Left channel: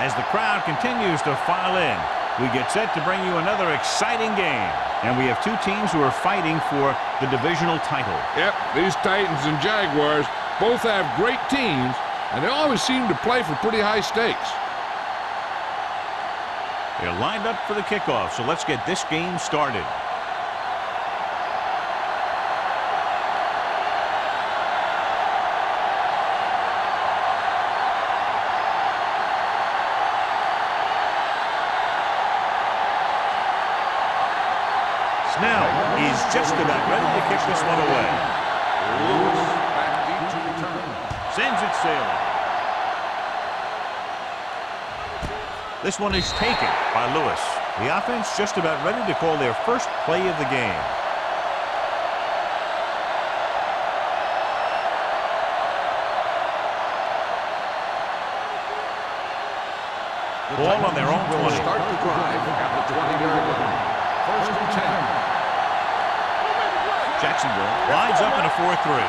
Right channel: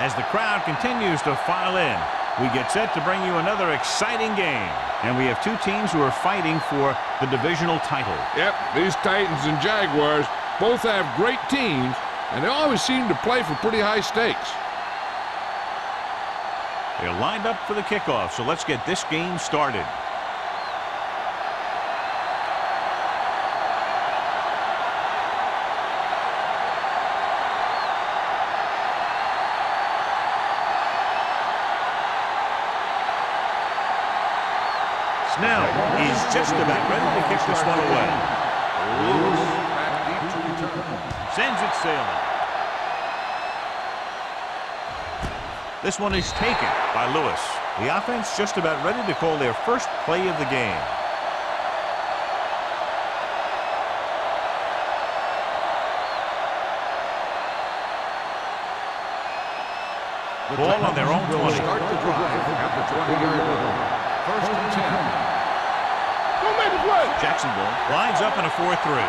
As the crowd continues to file in, we get set to bring you another exciting game. And we have two teams who are fighting for the divisional title. Yep, these Titans and Jaguars both have great teams, and they always seem to play for pretty high stakes. They're lined up for the kickoff, so let's get this game started. Snell is just about ready to kick this one away. Lewis back deep to return. Sends it sailing. This one is taken by Lewis. The offense just about ready to call their first play of the game. Ball on their own 20. Will start the drive at the 20-yard line. First and 10. Jacksonville lines up in a 4-3.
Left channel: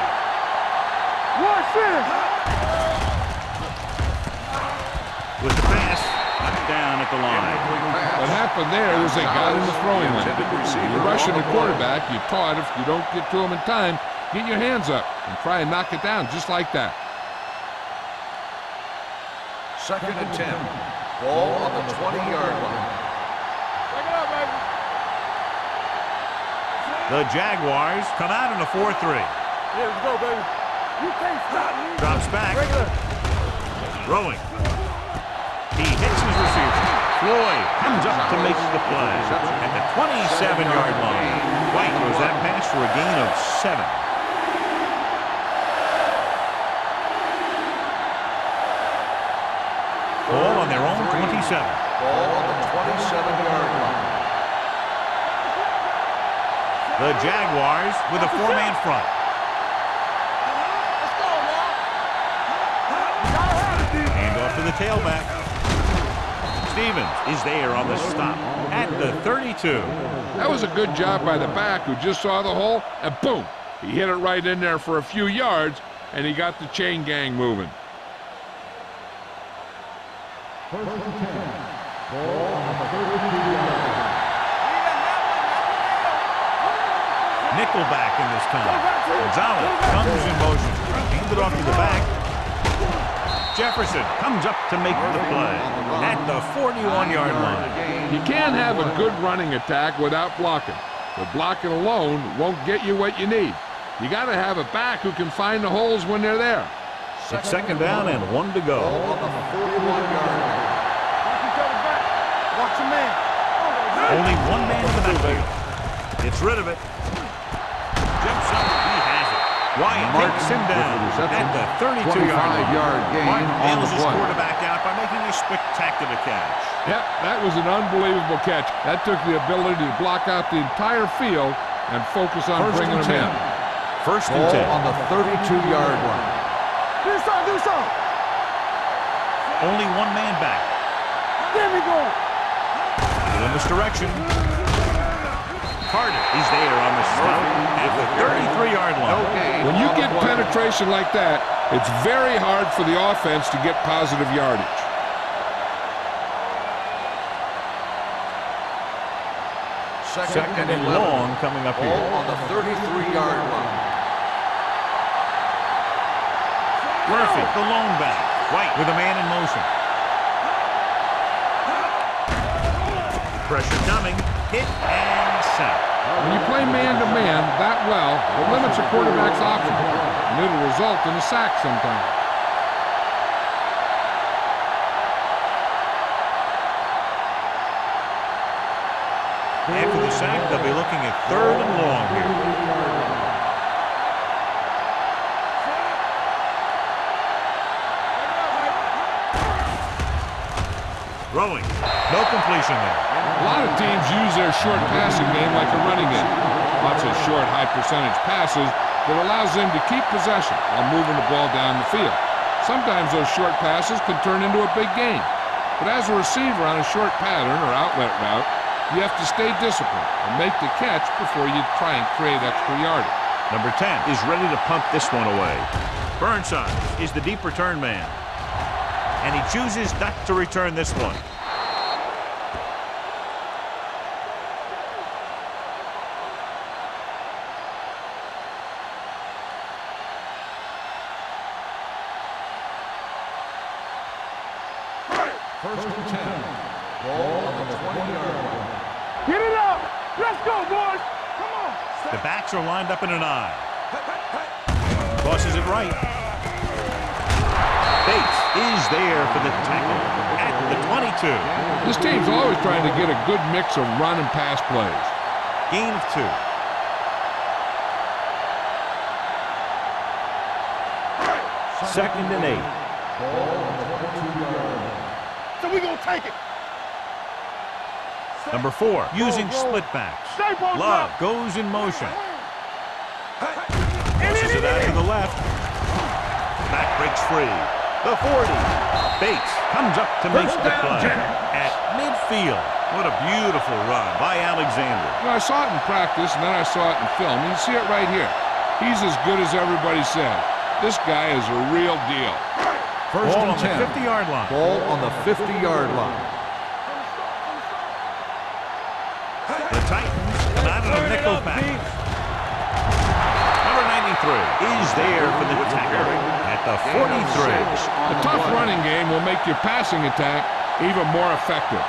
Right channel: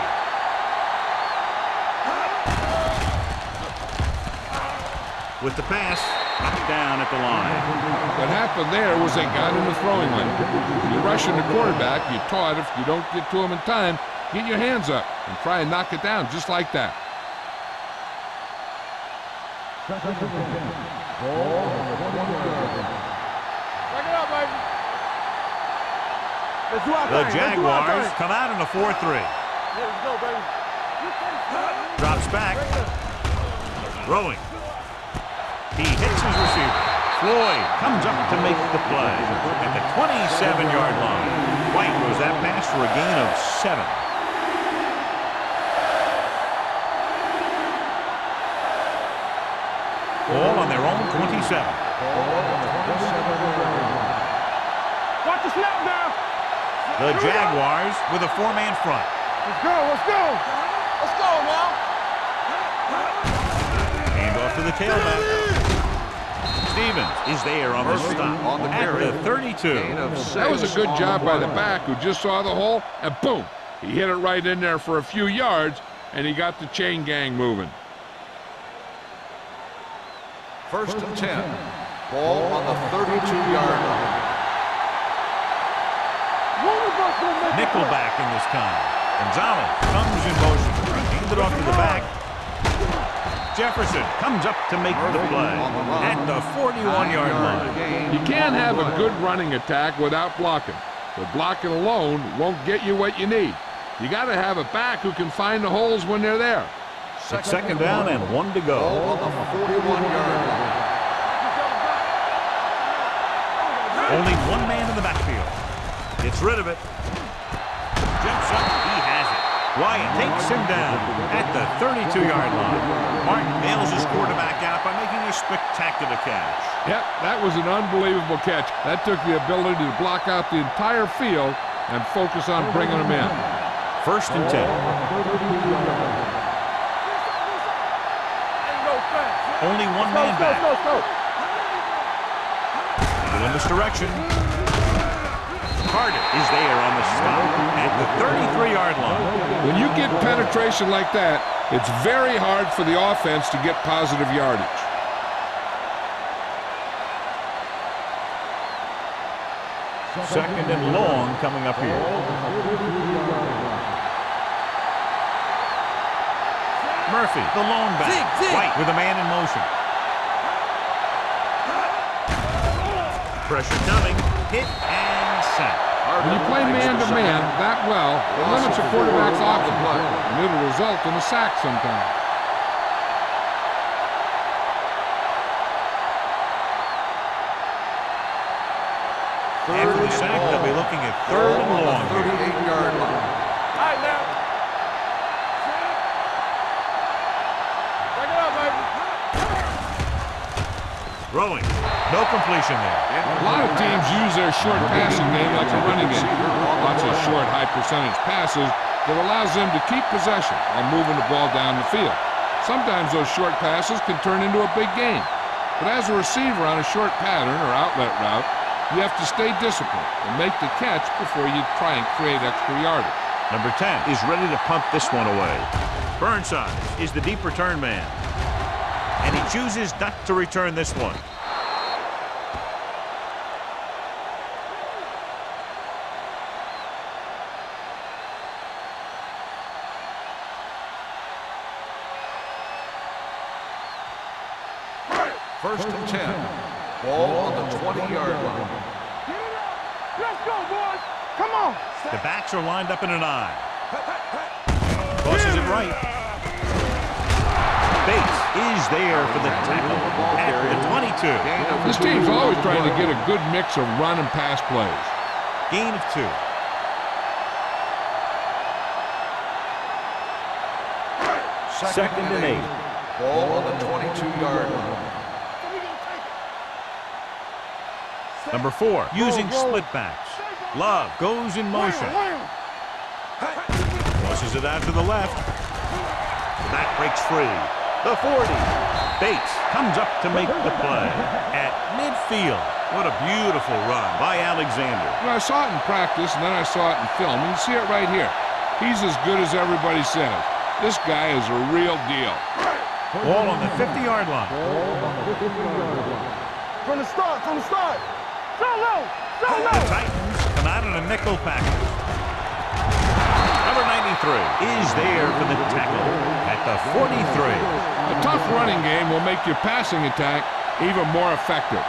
With the pass, knocked down at the line. What happened there was they got in the throwing lane. When you're rushing the quarterback, you're taught if you don't get to him in time, get your hands up and try and knock it down just like that. Second and 10. Ball on the 20-yard line. Check it out, baby. The Jaguars come out in a 4-3. Yeah, let's go, baby. You can't stop me. Drops back. Throwing. He hits his receiver. Floyd comes up to make the play at the 27-yard line. White throws that pass for a gain of 7. Ball on their own 27. Ball on the 27-yard line. The Jaguars with a 4-man front. Let's go, let's go. Let's go now. Hand off to the tailback. Stevens is there on the stop at the 32. That was a good job by the back who just saw the hole, and boom, he hit it right in there for a few yards, and he got the chain gang moving. First and 10. Ball on the 32-yard line. Nickelback in this time. Gonzalez comes in motion. Handed off to the back. Jefferson comes up to make the play at the 41-yard line. You can't have a good running attack without blocking, but blocking alone won't get you what you need. You got to have a back who can find the holes when they're there. It's second down and 1 to go. Ball on the 41-yard line. Only one man in the backfield. Gets rid of it. Jumps up. He has it. Wyatt takes him down at the 32-yard line. Martin nails his quarterback out by making a spectacular catch. Yep, that was an unbelievable catch. That took the ability to block out the entire field and focus on bringing them in. First and 10. On the 32-yard line. Only one man back. In this direction. Carter is there on the stop at the 33-yard line. When you get penetration like that, it's very hard for the offense to get positive yardage. Second and long coming up here. On the 33-yard line. Murphy, the lone back. White with a man in motion. Pressure coming. Hit and sack. When you play man-to-man that well, it limits a quarterback's options, and it'll result in a sack sometimes. After the sack, they'll be looking at third and long here. Throwing. No completion there. A lot of teams use their short passing game like a running game. Lots of short, high-percentage passes that allows them to keep possession while moving the ball down the field. Sometimes those short passes can turn into a big game. But as a receiver on a short pattern or outlet route, you have to stay disciplined and make the catch before you try and create extra yardage. Number 10 is ready to pump this one away. Burnside is the deep return man. And he chooses not to return this one. First and 10. Ball on the 20-yard line. Get it up. Let's go, boys. Come on. The backs are lined up in an I. Crosses it right. Bates is there for the tackle at the 22. This team's always trying to get a good mix of run and pass plays. Gain of 2. Second and 8. Ball on the 22-yard line. So we gonna take it. Number 4, using split backs. Love goes in motion. Pushes it out to the left. The back breaks free. The 40. Bates comes up to make the play at midfield. What a beautiful run by Alexander. You know, I saw it in practice, and then I saw it in film. You see it right here. He's as good as everybody says. This guy is a real deal. Ball on the 50-yard line. Ball on the 50-yard line. From the start, from the start. The Titans come out in a nickel package. Number 93 is there for the tackle at the 43. A tough running game will make your passing attack even more effective.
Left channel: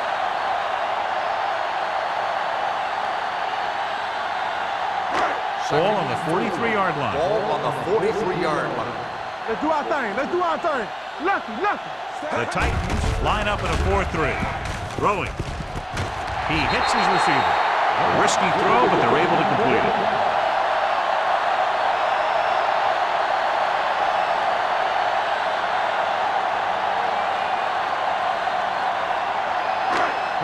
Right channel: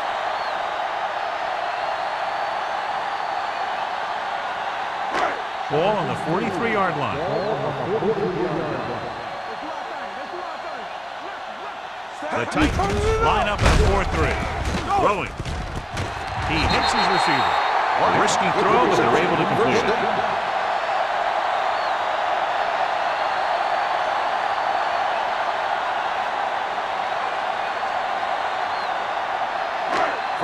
Ball on the 43-yard line. Ball on the 43-yard line. Let's do our thing. Let's do our thing. Left. The Titans line up in a 4-3. Throwing. He hits his receiver. A risky throw, but they're able to complete it.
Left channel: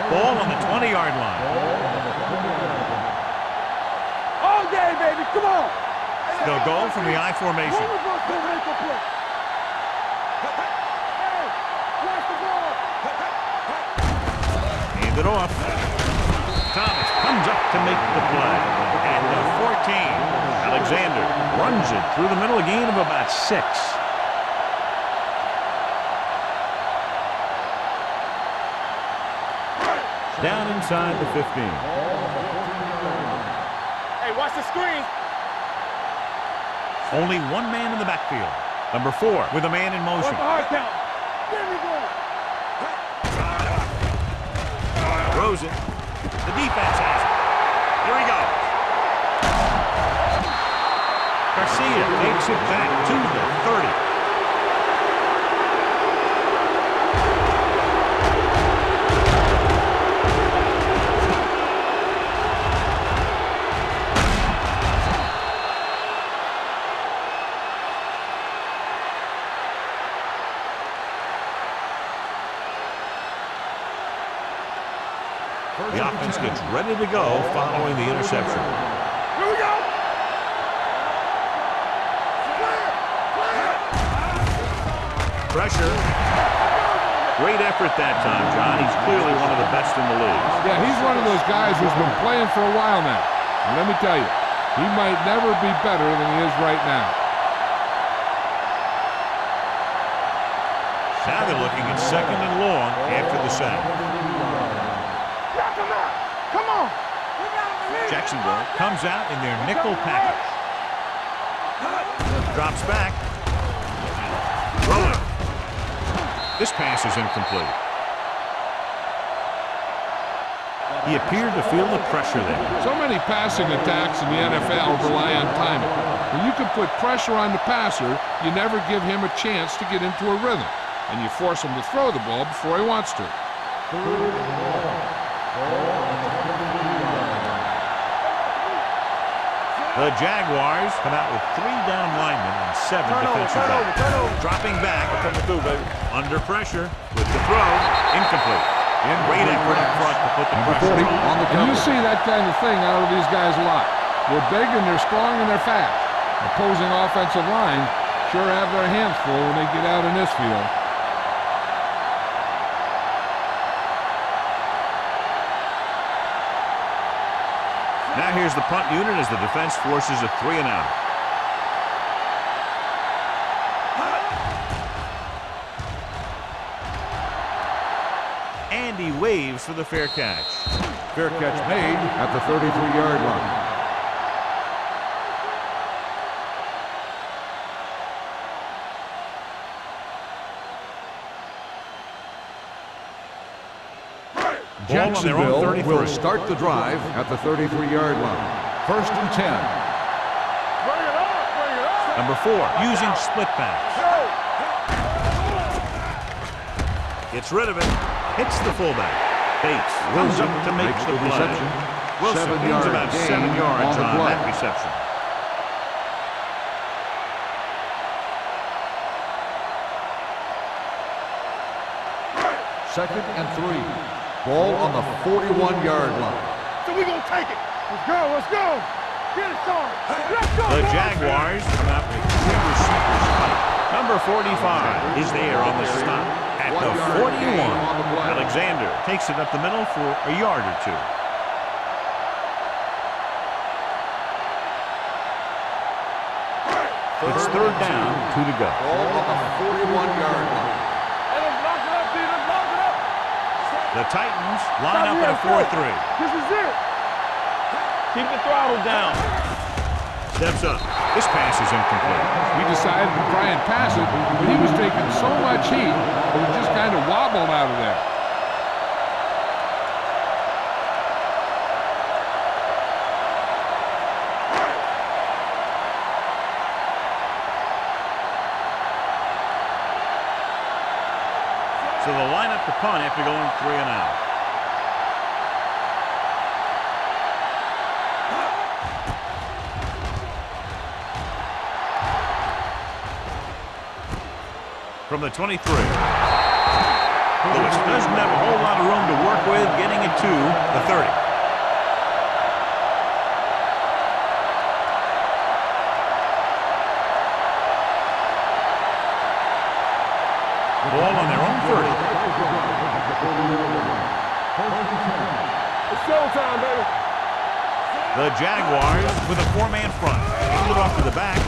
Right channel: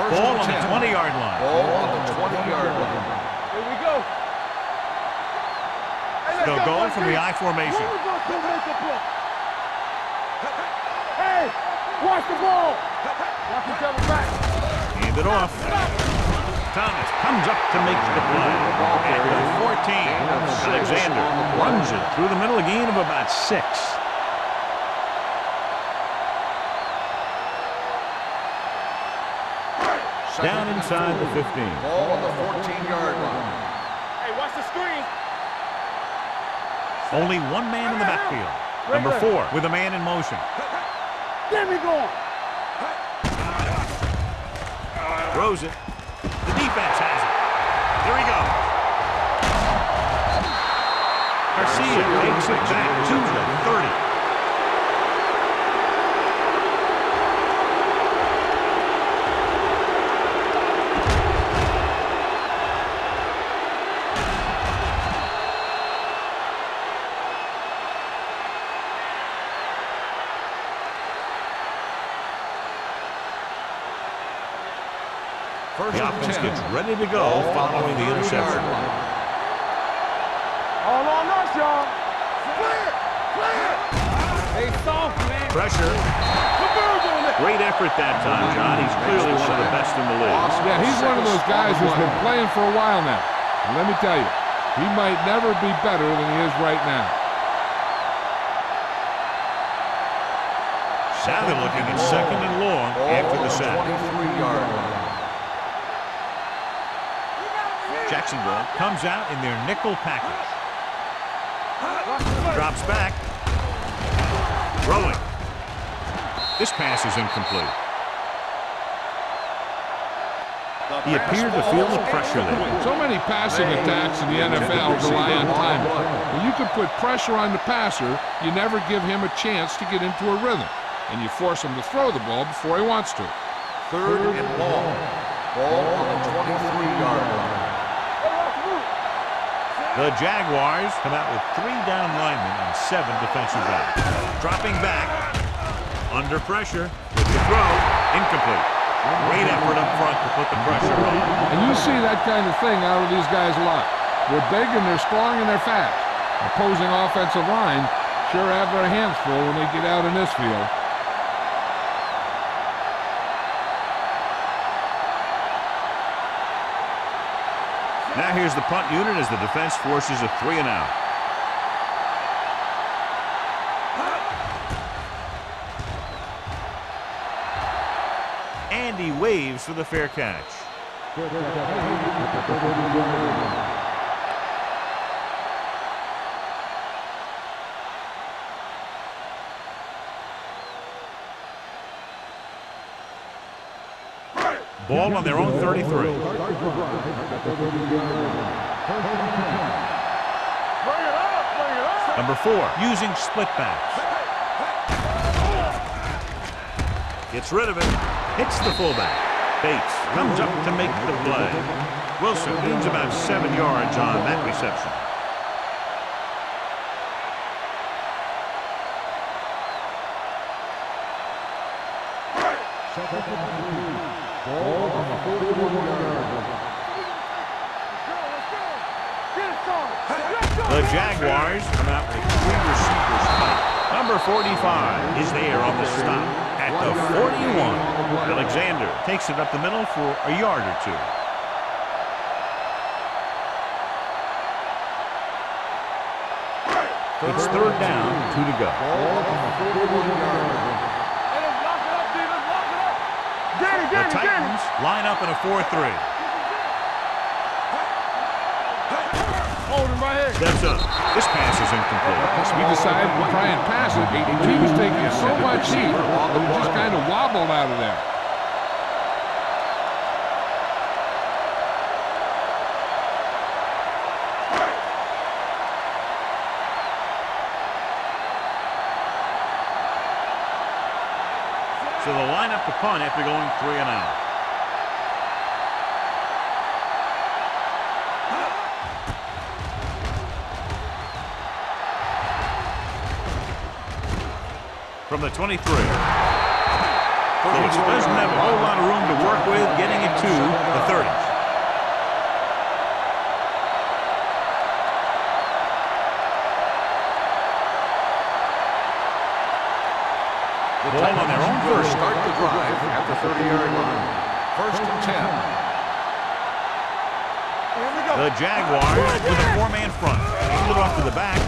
Ball on the 20-yard line. Ball on the 20-yard line. Here we go. All day, baby. Come on. Hey, They'll go from the I formation. One of us gonna make a play. Hey, watch the ball. Watch each other back. Hand it off. Thomas comes up to make the play at the 14. Alexander runs it through the middle, a gain of about 6. Down inside the 15. Ball on the 14-yard line. Hey, watch the screen. Only one man in the backfield. Number 4 with a man in motion. Get me going. Throws it. The defense has it. Here he goes. Garcia takes it back to the 30. The offense gets ready to go following the interception. Here we go. All on us, y'all. Clear. Pressure. Great effort that time, John. He's clearly one of the best in the league. Yeah, he's one of those guys who's been playing for a while now. And let me tell you, he might never be better than he is right now. Now they're looking at second and long after the sack. 23-yard line. Jacksonville comes out in their nickel package. Drops back. Throwing. This pass is incomplete. He appeared to feel the pressure there. So many passing attacks in the NFL rely on timing. When you can put pressure on the passer, you never give him a chance to get into a rhythm, and you force him to throw the ball before he wants to. Third and long. Ball on the 23-yard line. The Jaguars come out with 3 down linemen and 7 defensive backs. Dropping back. Under pressure with the throw. Incomplete. Great effort up front to put the pressure on. And you see that kind of thing out of these guys a lot. They're big and they're strong and they're fast. Opposing offensive lines sure have their hands full when they get out in this field. Now here's the punt unit as the defense forces a 3-and-out. and he waves for the fair catch. Fair catch made at the 33-yard line. Ball on their own 33. Will start the drive at the 33-yard line. 1st and 10. Bring it up, bring it up. Number 4, using split backs. Gets rid of it. Hits the fullback. Bates comes up to make the play. Wilson gains about 7 yards on that reception. Second and 3. Ball on the 41-yard line. So we gonna take it. Let's go, let's go. Get it started. Let's go. The Jaguars come out with 3 receivers tight. Number 45 is there on the stop at the 41. Alexander takes it up the middle for a yard or 2. It's 3rd down, 2 to go. Ball on the 41-yard line. Hey, let's lock it up, D. Let's lock it up. The Titans line up in a 4-3. This is it. Keep the throttle down. Hold him right here. Steps up. This pass is incomplete. He decided to try and pass it, but he was taking so much heat that it just kind of wobbled out of there. So they'll line up to punt after going 3 and out. From the 23. Lewis doesn't have a whole lot of room to work with, getting it to the 30. Ball on their own 30. Start the drive at the 30-yard line. 1st and 10. It's showtime, baby. The Jaguars with a 4-man front. Hand it off to the back.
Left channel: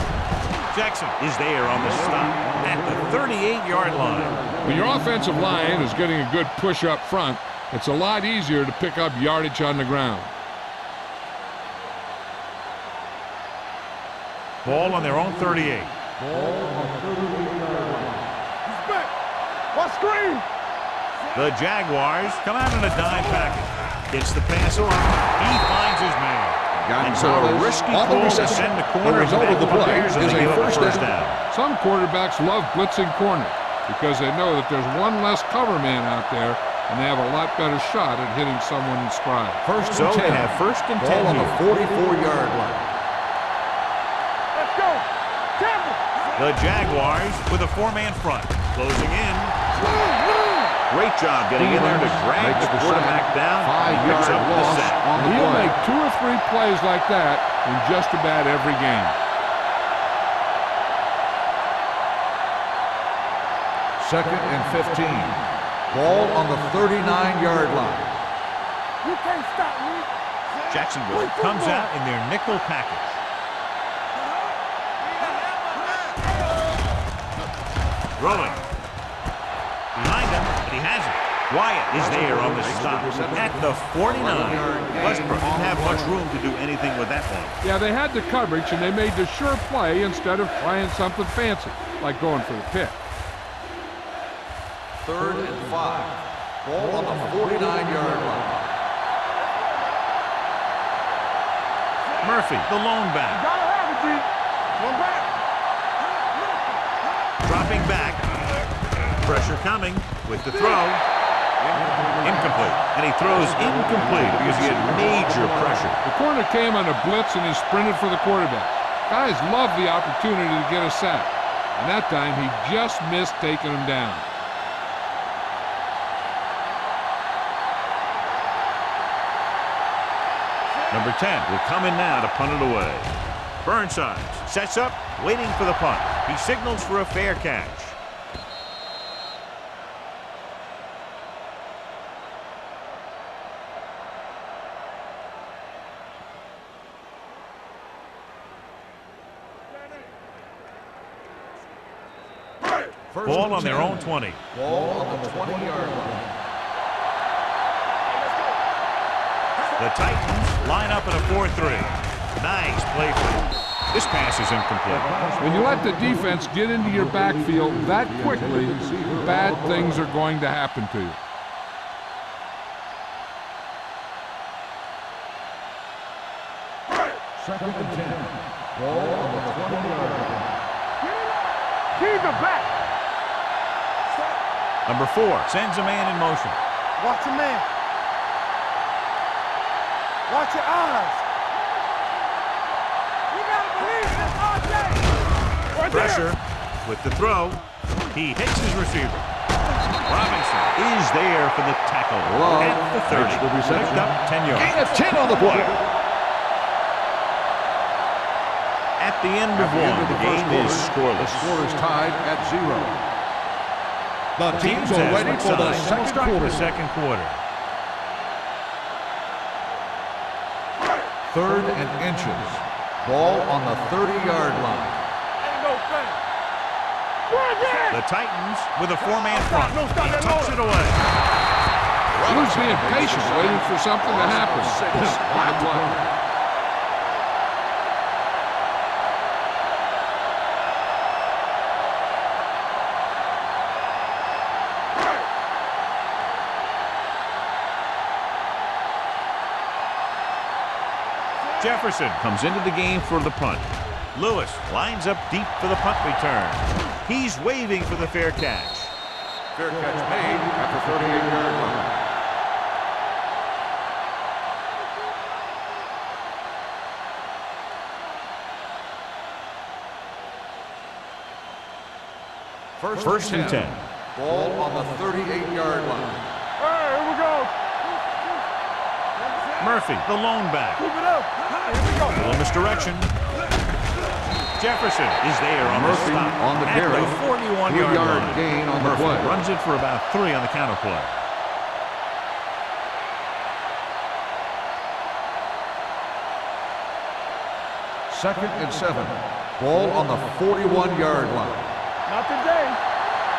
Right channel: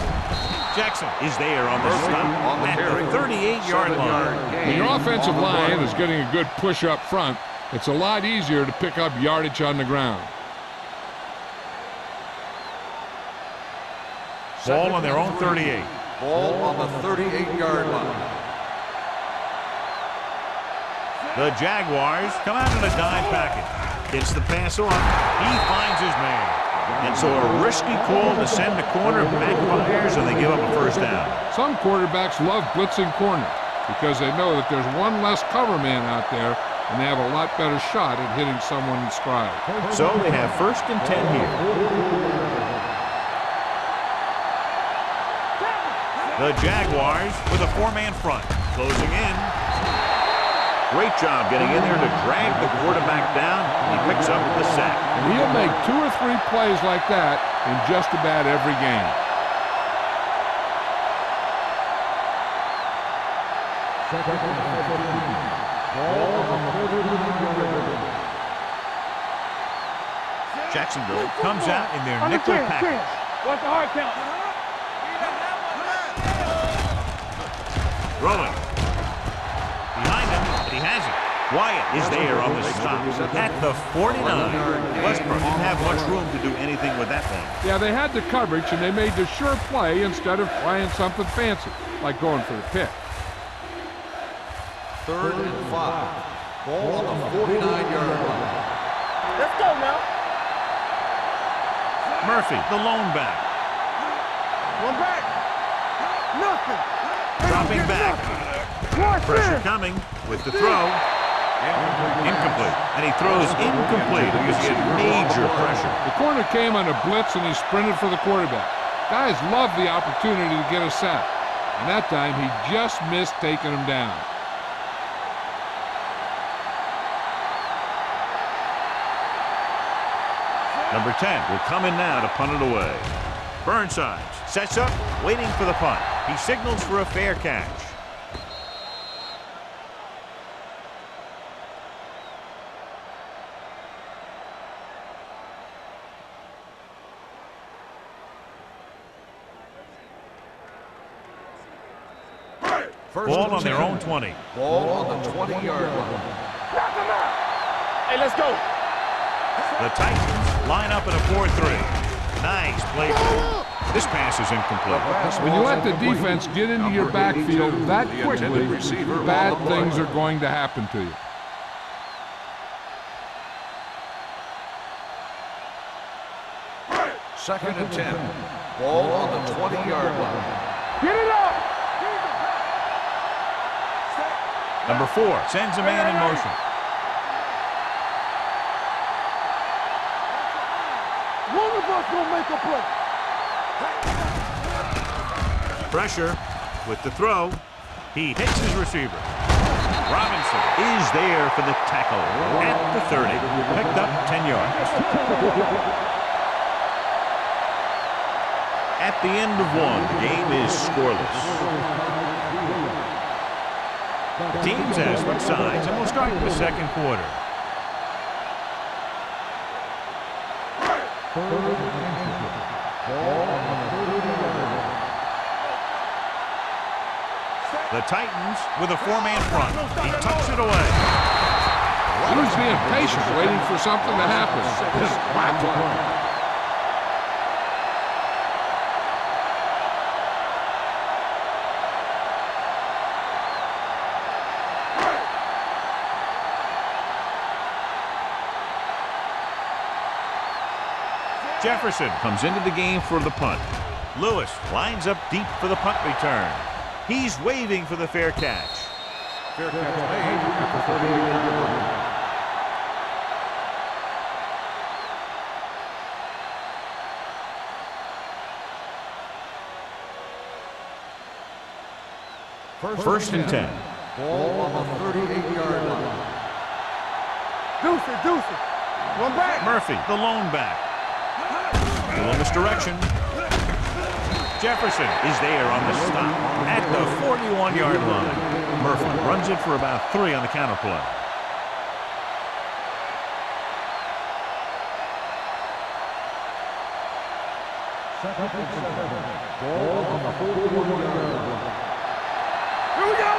Jackson is there on the stop at the 38-yard line. When your offensive line is getting a good push up front, it's a lot easier to pick up yardage on the ground. Ball on their own 38. Ball on the 38-yard line. What screen? The Jaguars come out in a dime package. Gets the pass off. He finds his man. And so a risky call to send the corner backfires, and they give up a 1st down. Some quarterbacks love blitzing corners because they know that there's one less cover man out there, and they have a lot better shot at hitting someone in stride. So they have 1st and 10 on here. the 44-yard line. Let's go. Tampa. The Jaguars with a 4-man front. Closing in. Great job getting in there to drag the quarterback down, and he picks up the sack. And he'll make 2 or 3 plays like that in just about every game. Second and 15. Ball on the 39-yard line. You can't stop me. Jacksonville comes out in their nickel package. What's the hard count? Throwing. Behind him, but he has it. Wyatt is there on the stop at the 49. Westbrook didn't have much room to do anything with that one. Yeah, they had the coverage, and they made the sure play instead of trying something fancy, like going for the pick. 3rd and 5. Ball on the 49-yard line. Let's go now. Murphy, the lone back. Gotta have it, G. One back. Nothing. Dropping back. Pressure coming with the throw. Incomplete. And he throws incomplete because he had major pressure. The corner came on a blitz, and he sprinted for the quarterback. Guys love the opportunity to get a sack. And that time, he just missed taking him down. Number 10 will come in now to punt it away. Burnside sets up, waiting for the punt. He signals for a fair catch. First Ball and on their 10. own 20. Ball on the 20-yard line. The Titans line up in a 4-3. Nice play fake. This pass is incomplete. When you let the defense get into your backfield that quickly, bad things are going to happen to you. Second and 10. Ball on the 20-yard line. Get it up. Keep it back. Set. Number 4 sends a man in motion. Watch your man. Watch your eyes. One of us will make a play. Pressure with the throw. He hits his receiver. Robinson is there for the tackle at the 30. Picked up 10 yards. Gain of 10 on the play. At the end of one, the game is scoreless. The score is tied at 0. The teams have switched sides and will start the second quarter. Third and inches. Ball on the 30-yard line. The Titans with a 4-man front. He tucks it away. He was being patient, waiting for something to happen. Wow. Play. Jefferson comes into the game for the punt. Lewis lines up deep for the punt return. He's waving for the fair catch. Fair catch made at the 38-yard line. First and 10. Ball on the 38-yard line. Here we go. Deuce it. One back. Murphy, the lone back. Keep it up. Little misdirection. Jefferson is there on the stop at the 41-yard line. Murphy runs it for about 3 on the counter play. Second and 7. Ball on the 41-yard line. Not today. Here we go.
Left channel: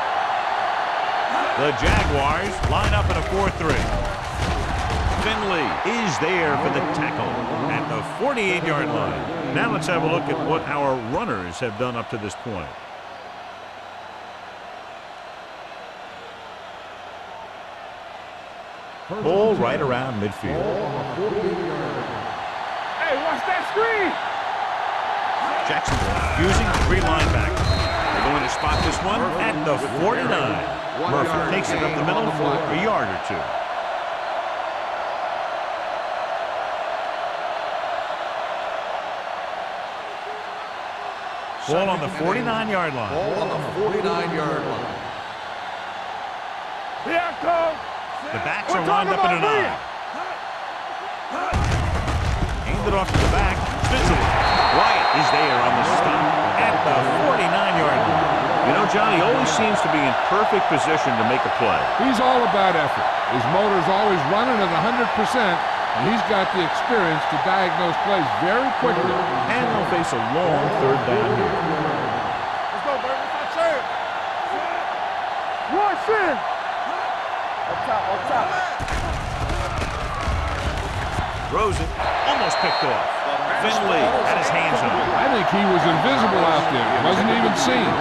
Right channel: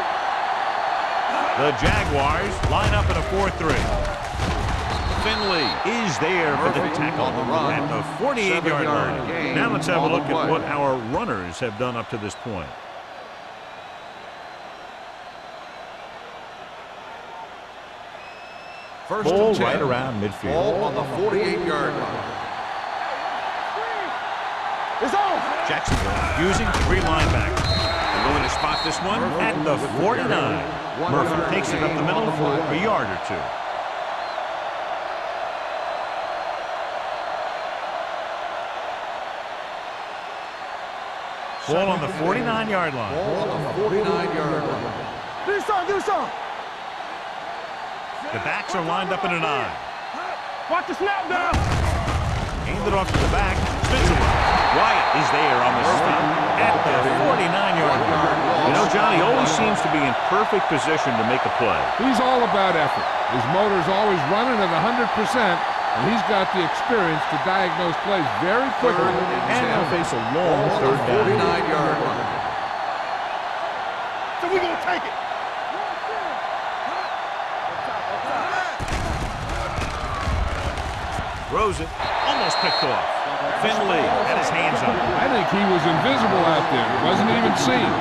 The Jaguars line up in a 4-3. Finley is there for the tackle at the 48-yard line. Now let's have a look at what our runners have done up to this point. Ball right around midfield. Ball on the 48-yard line. Hey, watch that screen. It's on. Jacksonville using 3 linebackers. They're going to spot this one at the 49. Murphy takes it up the middle for a yard or 2. Ball on the 49-yard line. Ball on the 49-yard line. Do something. The backs are lined up in an I. Watch the snap, dog. Hand it off to the back. Spins it. Wyatt is there on the stop at the 49-yard line. You know, John, he always seems to be in perfect position to make a play. He's all about effort. His motor's always running at 100%, and he's got the experience to diagnose plays very quickly. And they'll face a long 3rd down here. Let's go, baby. That's our chance. So we're going to take it. One sin. Up top. Throws it. Almost picked off. Finley had his hands on it. I think he was invisible out there. He wasn't even seen.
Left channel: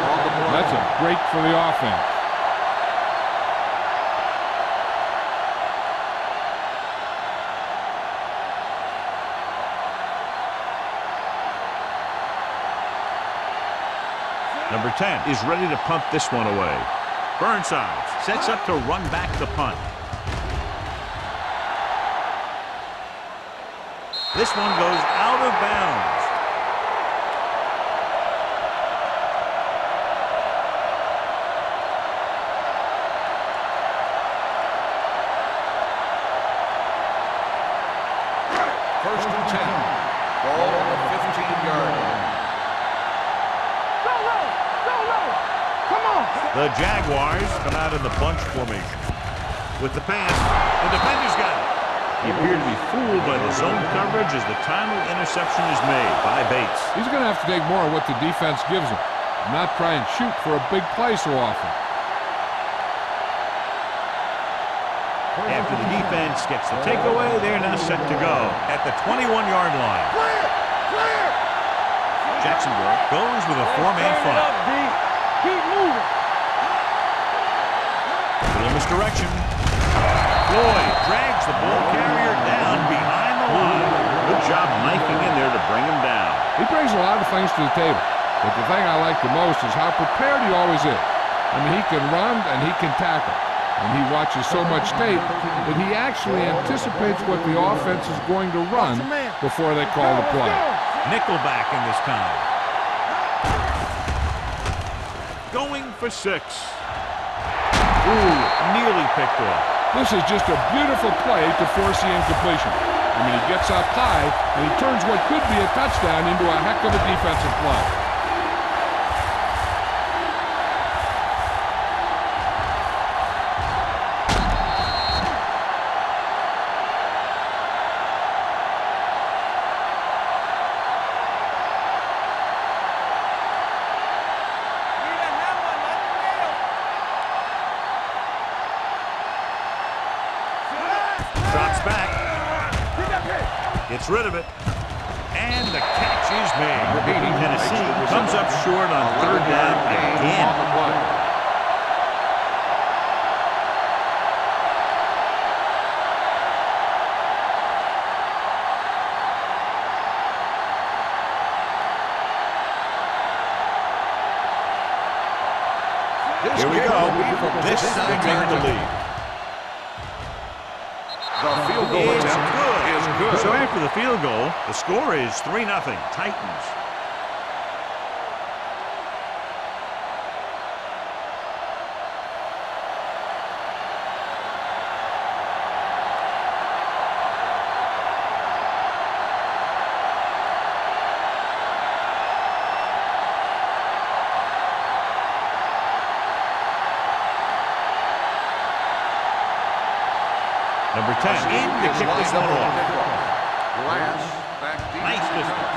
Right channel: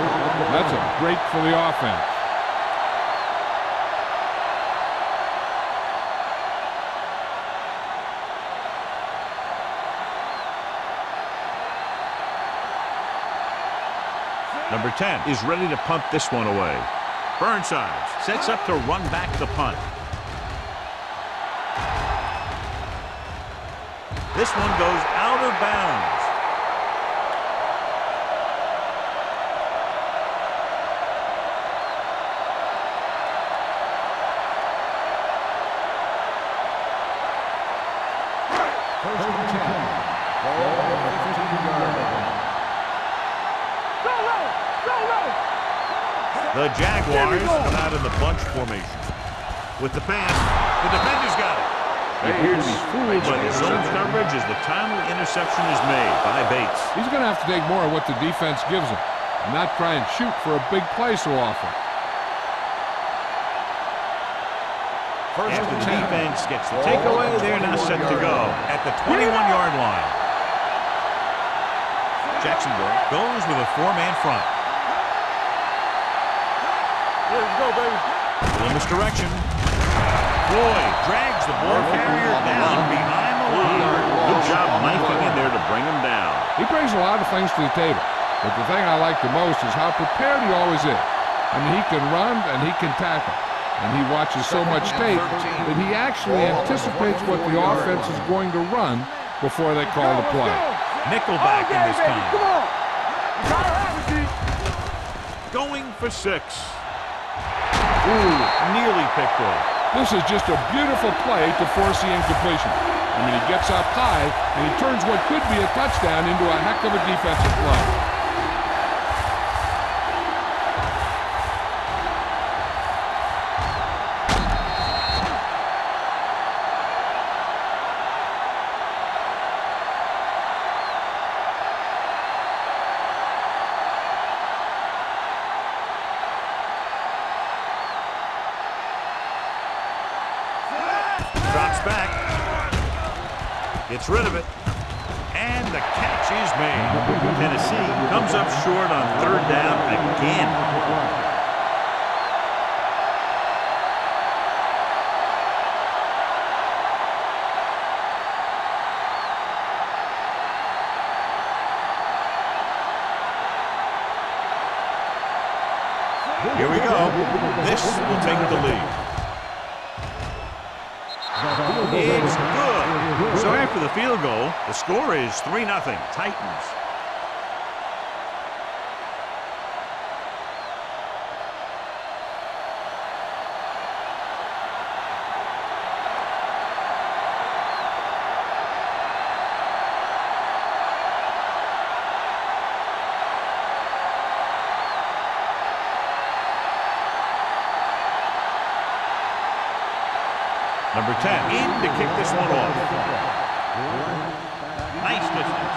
That's a break for the offense. Number 10 is ready to punt this one away. Burnside sets up to run back the punt. This one goes out of bounds. First and 10. Ball on the 15-yard line. Go low. Come on. The Jaguars come out in the bunch formation. With the pass, the defender's got it. They appear to be fooled by the zone coverage as the timely interception is made by Bates. He's going to have to take more of what the defense gives him and not try and shoot for a big play so often. After the defense gets the takeaway, they're now set to go at the 21-yard line. Jacksonville goes with a 4-man front. Little misdirection. Floyd drags the ball carrier down behind the line. Good job knifing in there to bring him down. He brings a lot of things to the table, but the thing I like the most is how prepared he always is. I mean, he can run and he can tackle. And he watches so much tape that he actually anticipates what the offense is going to run before they call the play. Nickelback in this time. Going for 6. Ooh, nearly picked off. This is just a beautiful play to force the incompletion. I mean, he gets up high and he turns what could be a touchdown into a heck of a defensive play. Drops back. Gets rid of it. And the catch is made. Tennessee comes up short on 3rd down again. Here we go. This will take the lead. It's good. So after the field goal, the score is 3-0, Titans. Number 10 in to kick this one off. Nice distance.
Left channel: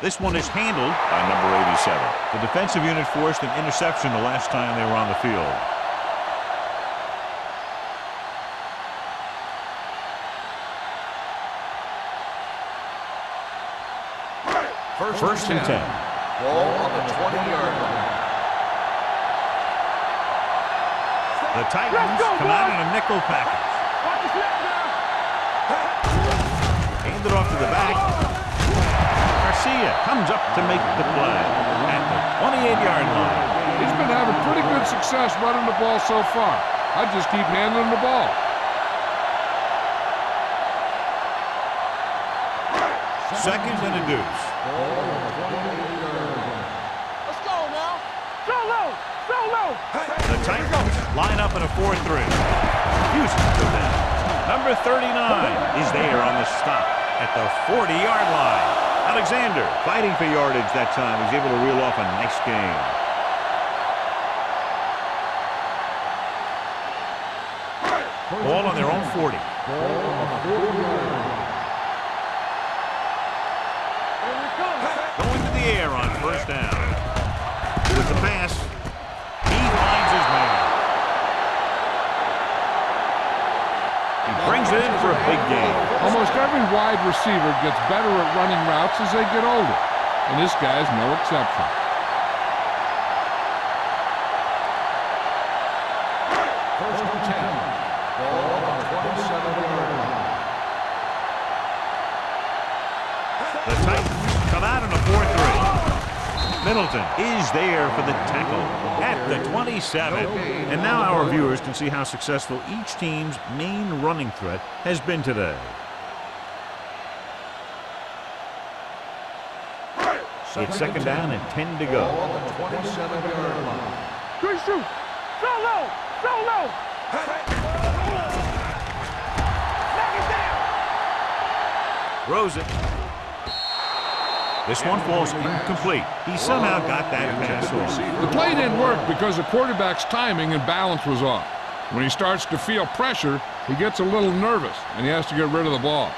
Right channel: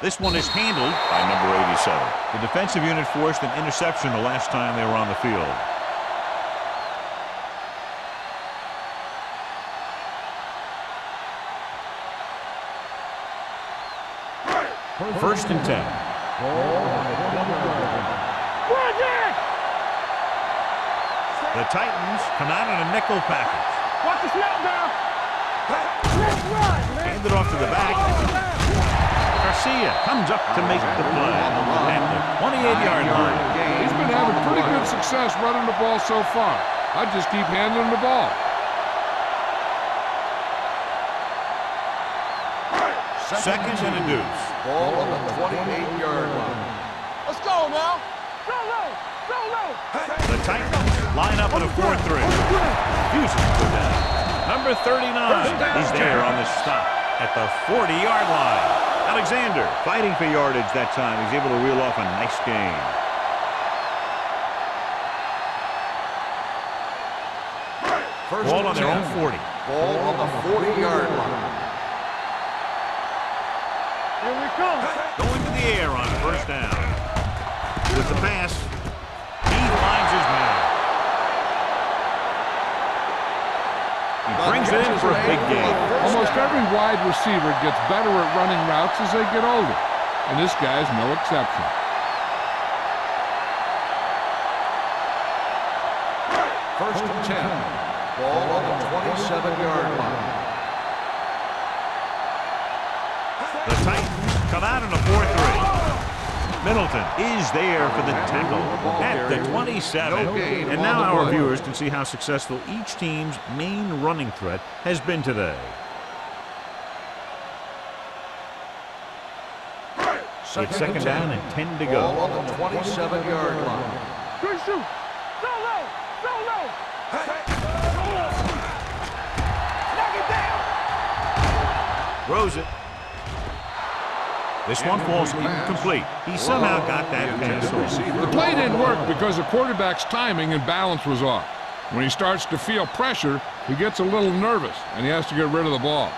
This one is handled by number 87. The defensive unit forced an interception the last time they were on the field. First and 10. Ball on the 20-yard line. The Titans come out in a nickel package. Watch the snap now. Hand it off to the back. Garcia comes up to make the play at the 28-yard line. He's been having pretty good success running the ball so far. I just keep handling the ball. Second and a deuce. Ball on the 28-yard line. Let's go now. Go low. Go low. The Titans line up in a 4-3. Refuses to go down. Number 39 is there on the stop at the 40-yard line. Alexander fighting for yardage that time. He's able to reel off a nice gain. Ball on their own 40. Ball on the 40-yard line. Here we come. Going to the air on first down. With the pass, he finds his man. He brings it in for a big gain. Almost every wide receiver gets better at running routes as they get older, and this guy is no exception. First and 10. Ball on the 27-yard line. The Titans come out in a 4-3. Middleton is there for the tackle at the 27. And now our viewers can see how successful each team's main running threat has been today. It's second down and 10 to go. Ball on the 27-yard line. Good shoot. So low. So low. Knock it down. Throws it. This one falls incomplete. He somehow got that pass off. The play didn't work because the quarterback's timing and balance was off. When he starts to feel pressure, he gets a little nervous, and he has to get rid of the ball.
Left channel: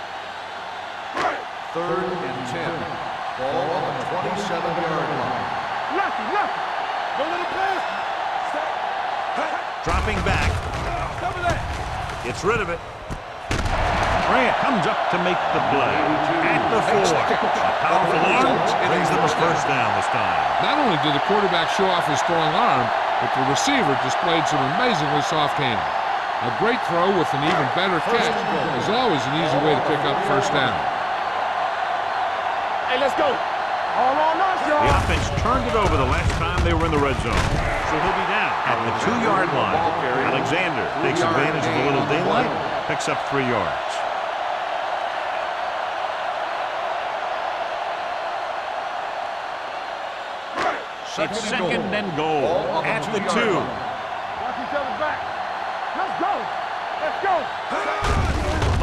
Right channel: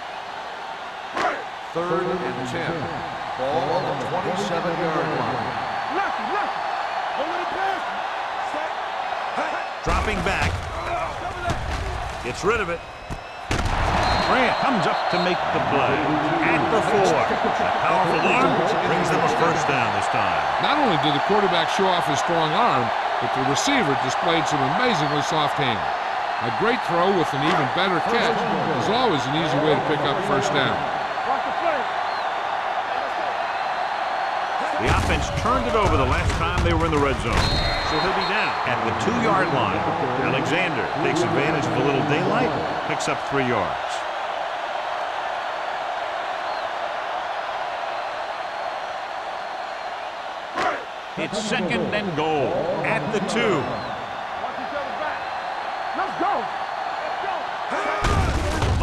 Third and 10. Ball on the 27-yard line. Lucky. Don't let him pass. Stack. Dropping back. Gets rid of it. Grant comes up to make the play. At the 4. A powerful arm brings them a first down this time. Not only did the quarterback show off his strong arm, but the receiver displayed some amazingly soft hands. A great throw with an even better catch is always an easy way to pick up first down. Hey, let's go. The offense turned it over the last time they were in the red zone. So he'll be down at the 2-yard line. Alexander takes advantage of a little daylight, picks up 3 yards. It's second and goal at the 2. Watch each other back. Let's go. Let's go.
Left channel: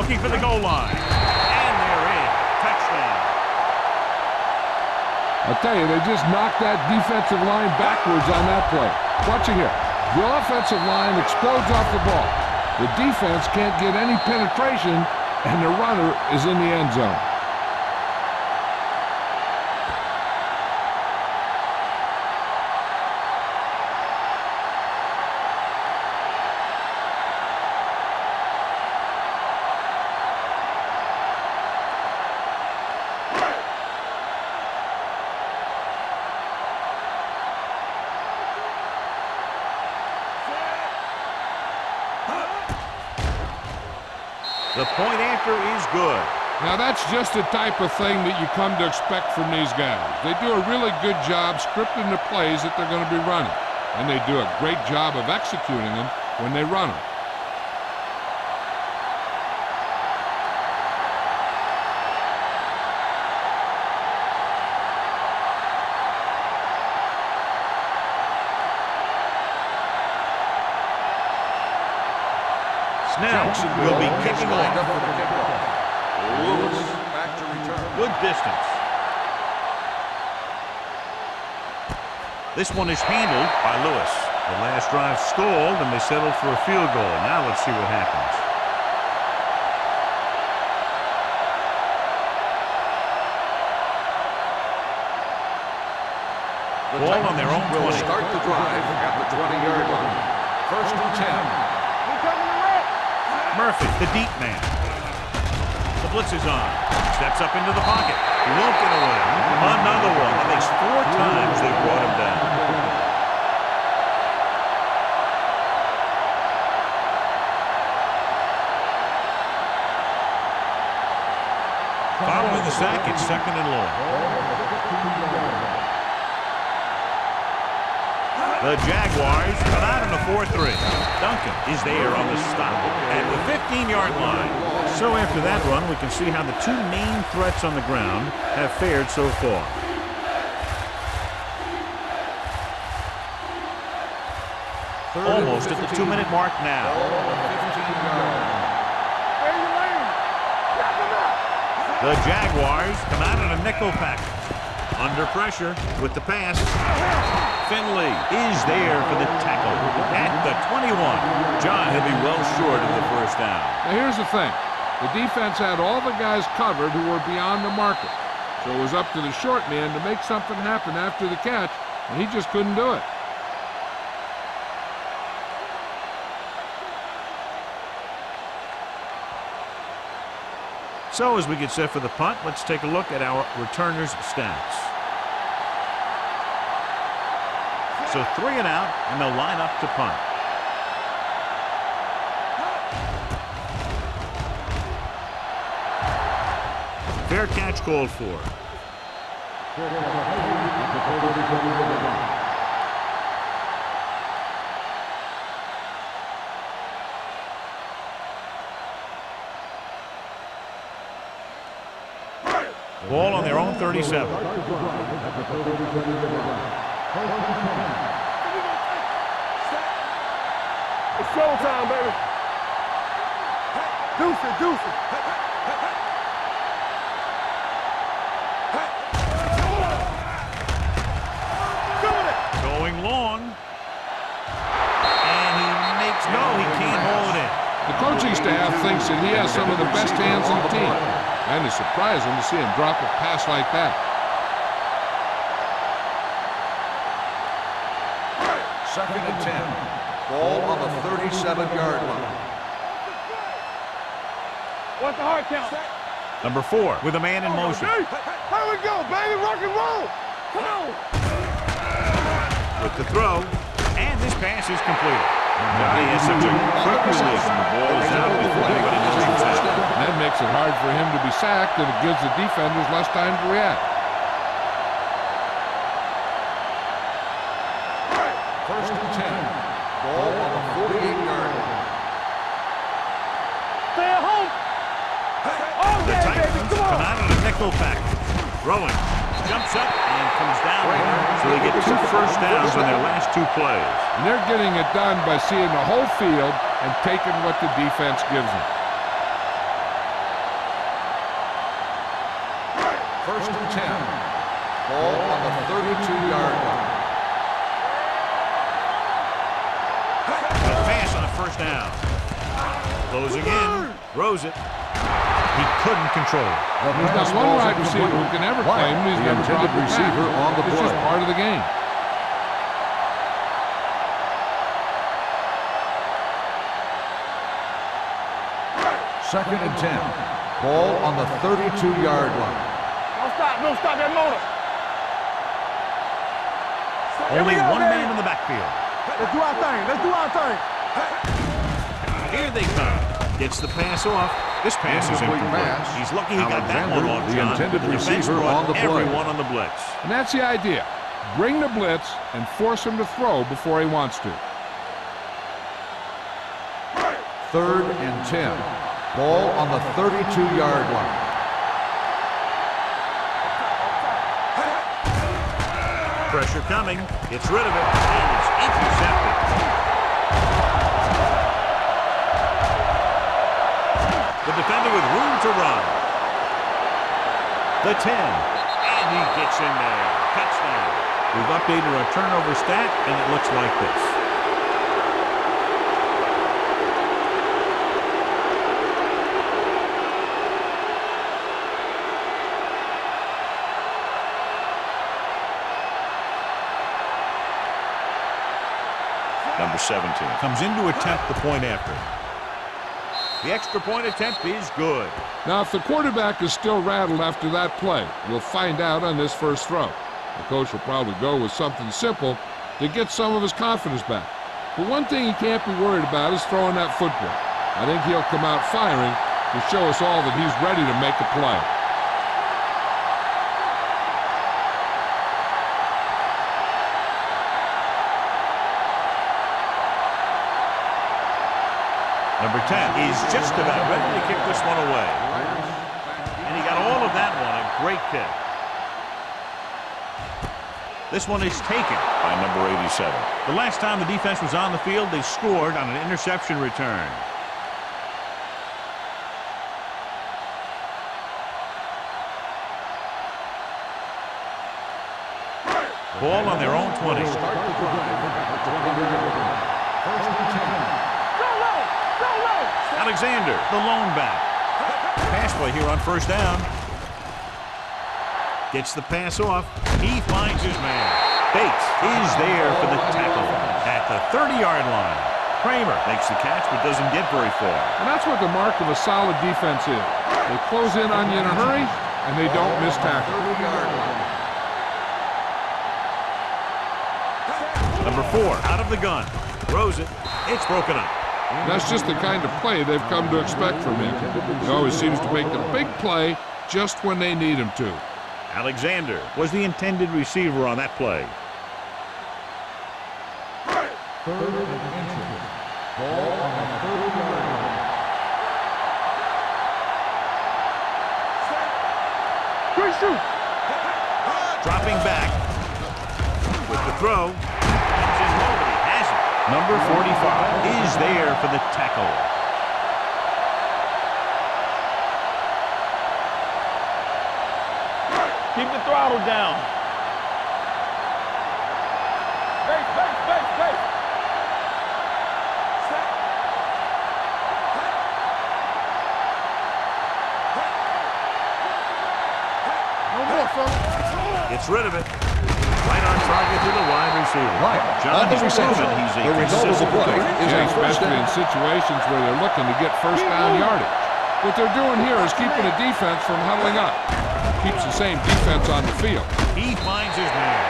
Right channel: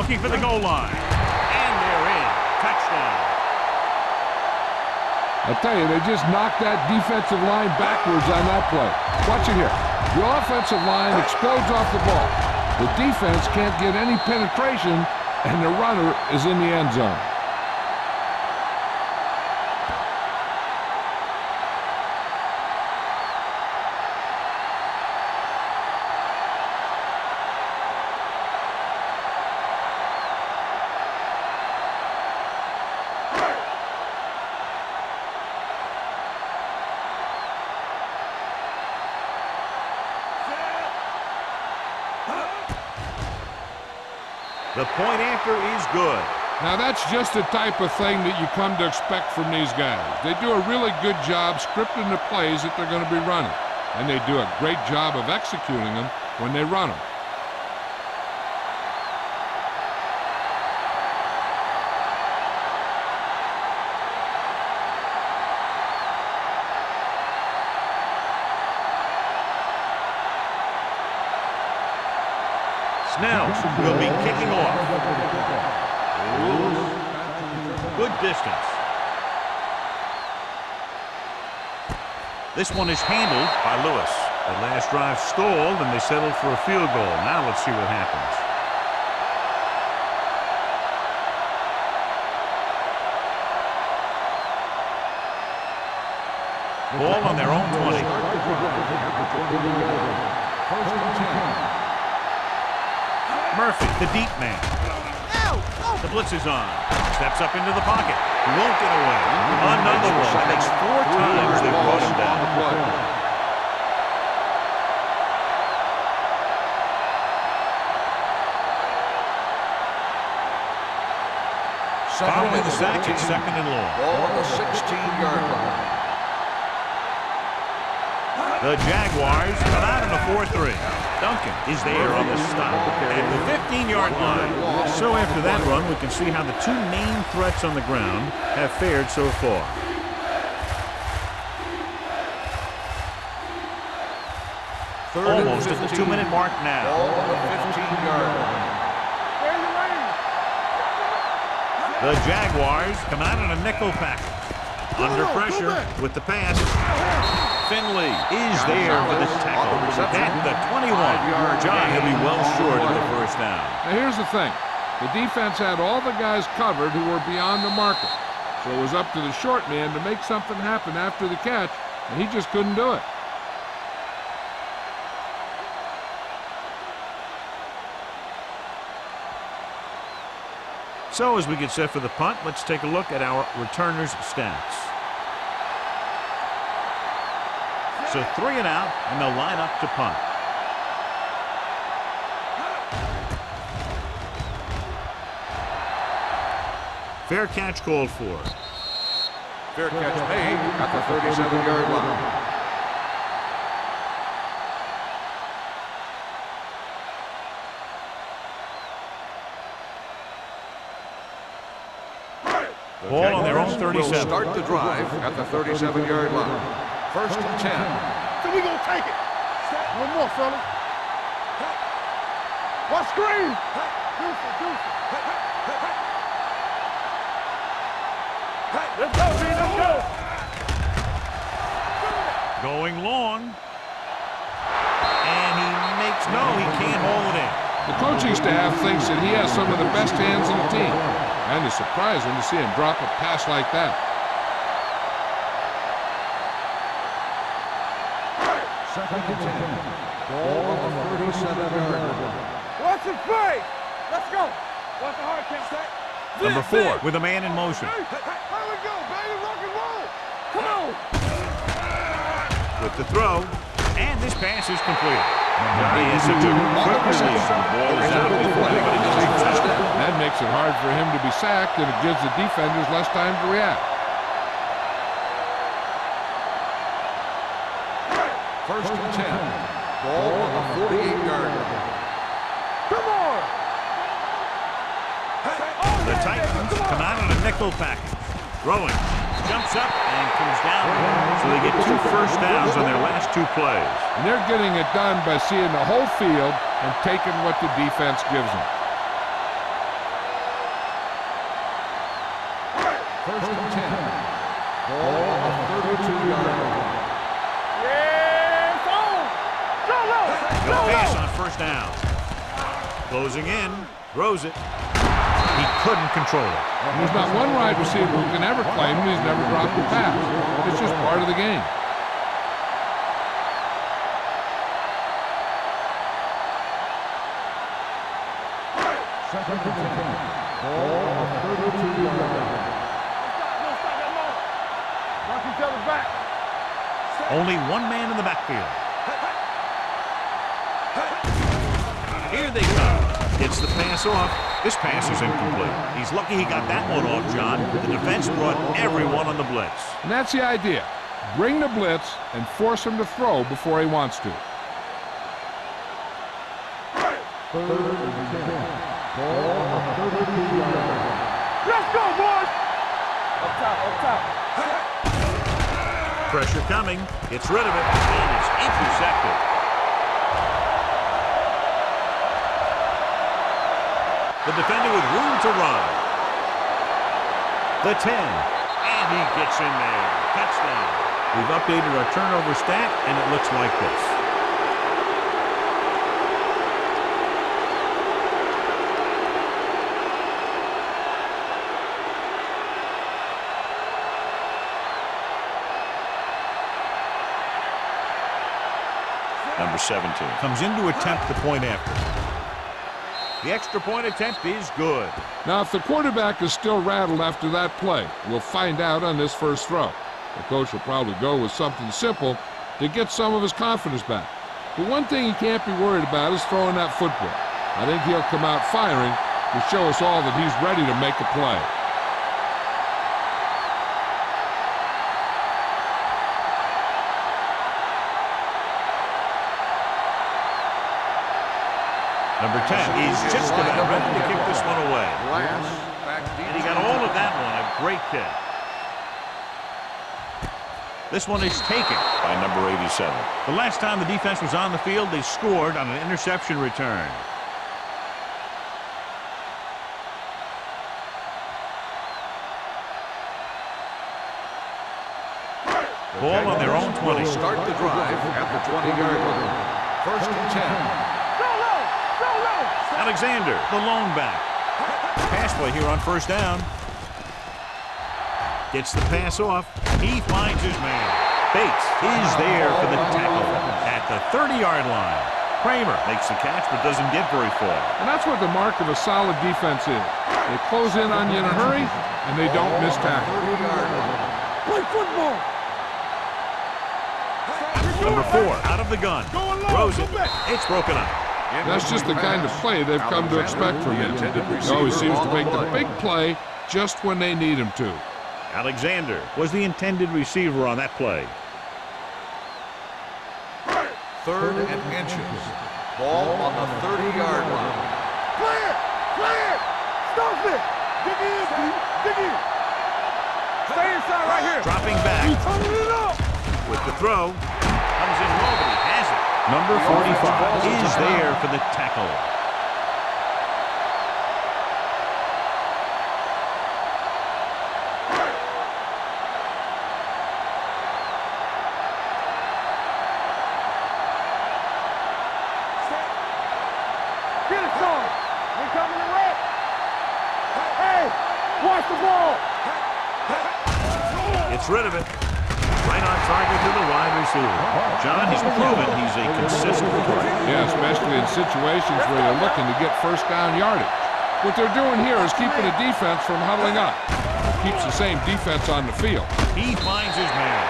Looking for the goal line. And they're in. Touchdown. I'll tell you, they just knocked that defensive line backwards on that play. Watch it here. The offensive line explodes off the ball. The defense can't get any penetration, and the runner is in the end zone. The point after is good. Now that's just the type of thing that you come to expect from these guys. They do a really good job scripting the plays that they're going to be running, and they do a great job of executing them when they run them. Snell will be kicking off. Lewis back to return. Good distance. This one is handled by Lewis. The last drive stalled, and they settled for a field goal. Now let's see what happens. Ball on their own 20. Start the drive at the 20-yard line. First and 10. Murphy, the deep man. The blitz is on. Steps up into the pocket. He won't get away. Another one. That makes 4 times they've brought him down. Following the sack, it's second and long. Ball on the 16-yard line. The Jaguars come out in a 4-3. Duncan is there on the stop at the 15-yard line. So after that run, we can see how the 2 main threats on the ground have fared so far. Almost at the 2-minute mark now. Ball on the 15-yard line. Where your lane? Knock him out. The Jaguars come out in a nickel package. Under pressure with the pass. Finley is there for the tackle at the 21. John, he'll be well short of the first down. Now here's the thing. The defense had all the guys covered who were beyond the marker. So it was up to the short man to make something happen after the catch, and he just couldn't do it. So as we get set for the punt, let's take a look at our returners' stats. So 3 and out, and they'll line up to punt. Fair catch called for. Fair catch made at the 37-yard line. Ball on their own 37. Start the drive at the 37-yard line. First and 10. So we gonna take it. Set. One more, son. It's showtime, baby. One screen. Deuce it, deuce it. Let's go. Doing it. Going long. And he makes, no, he can't hold it in. The coaching staff thinks that he has some of the best hands in the team, and it's surprising to see him drop a pass like that. Second and 10. Ball on the 37-yard line. Watch his face. Let's go. What's the hard count? Number 4 with a man in motion. Here we go, baby. Rock and roll. Come on. With the throw, and this pass is completed. Johnny has such a quick release, and the ball is out before anybody knows it's out. That makes it hard for him to be sacked, and it gives the defenders less time to react. First and 10. Ball on the 48-yard line. Come on. Stay at home. The Titans come out in a nickel package. Throwing. Jumps up and comes down. So they get 2 first downs on their last 2 plays. And they're getting it done by seeing the whole field and taking what the defense gives them. First and 10. Ball on the 32-yard line. He'll pass on first down. Closing in. Throws it. He couldn't control it. There's not one wide receiver who can ever claim that he's never dropped a pass. It's just part of the game. Second and 10. Ball on the 32-yard line. Don't stop that motor. Watch each other back. Only one man in the backfield. Let's do our thing. Let's do our thing. Here they come. Gets the pass off. This pass is incomplete. He's lucky he got that one off, John. The defense brought everyone on the blitz. And that's the idea. Bring the blitz and force him to throw before he wants to. Third and 10. Ball on the 32-yard line. Let's go, boys. Up top. Pressure coming. Gets rid of it. And it's intercepted. The defender with room to run. The 10. And he gets in there. Touchdown. We've updated our turnover stat, and it looks like this. Number 17 comes in to attempt the point after. The extra point attempt is good. Now, if the quarterback is still rattled after that play, we'll find out on this first throw. The coach will probably go with something simple to get some of his confidence back. But one thing he can't be worried about is throwing that football. I think he'll come out firing to show us all that he's ready to make a play. Number 10 is just about ready to kick this one away. And he got all of that one. A great kick. This one is taken by number 87. The last time the defense was on the field, they scored on an interception return. Ball on their own 20. Start the drive at the 20-yard line. First and 10. Alexander, the lone back. Pass play here on first down. Gets the pass off. He finds his man. Bates is there for the tackle at the 30-yard line. Kramer makes the catch but doesn't get very far. And that's what the mark of a solid defense is. They close in on you in a hurry, and they don't miss tackle. 30-yard line. Number 4 out of the gun. Throws it. It's broken up. That's just the kind of play they've come to expect from him. He always seems to make the big play just when they need him to. Alexander was the intended receiver on that play. Third and inches. Ball on the 30-yard line. Clear! Stop it! Dig in! Good shoot! Stay inside right here! Dropping back with the throw. Comes in low, but he has it. Number 45 is there for the tackle. Keep the throttle down. Face. Set. Get it going. We're coming to right. Hey, watch the ball. No more, son. Gets rid of it. Right on target to the wide receiver. John, he's proven he's a consistent target. Yeah, especially in situations where they're looking to get first down yardage. What they're doing here is keeping the defense from huddling up. Keeps the same defense on the field. He finds his man.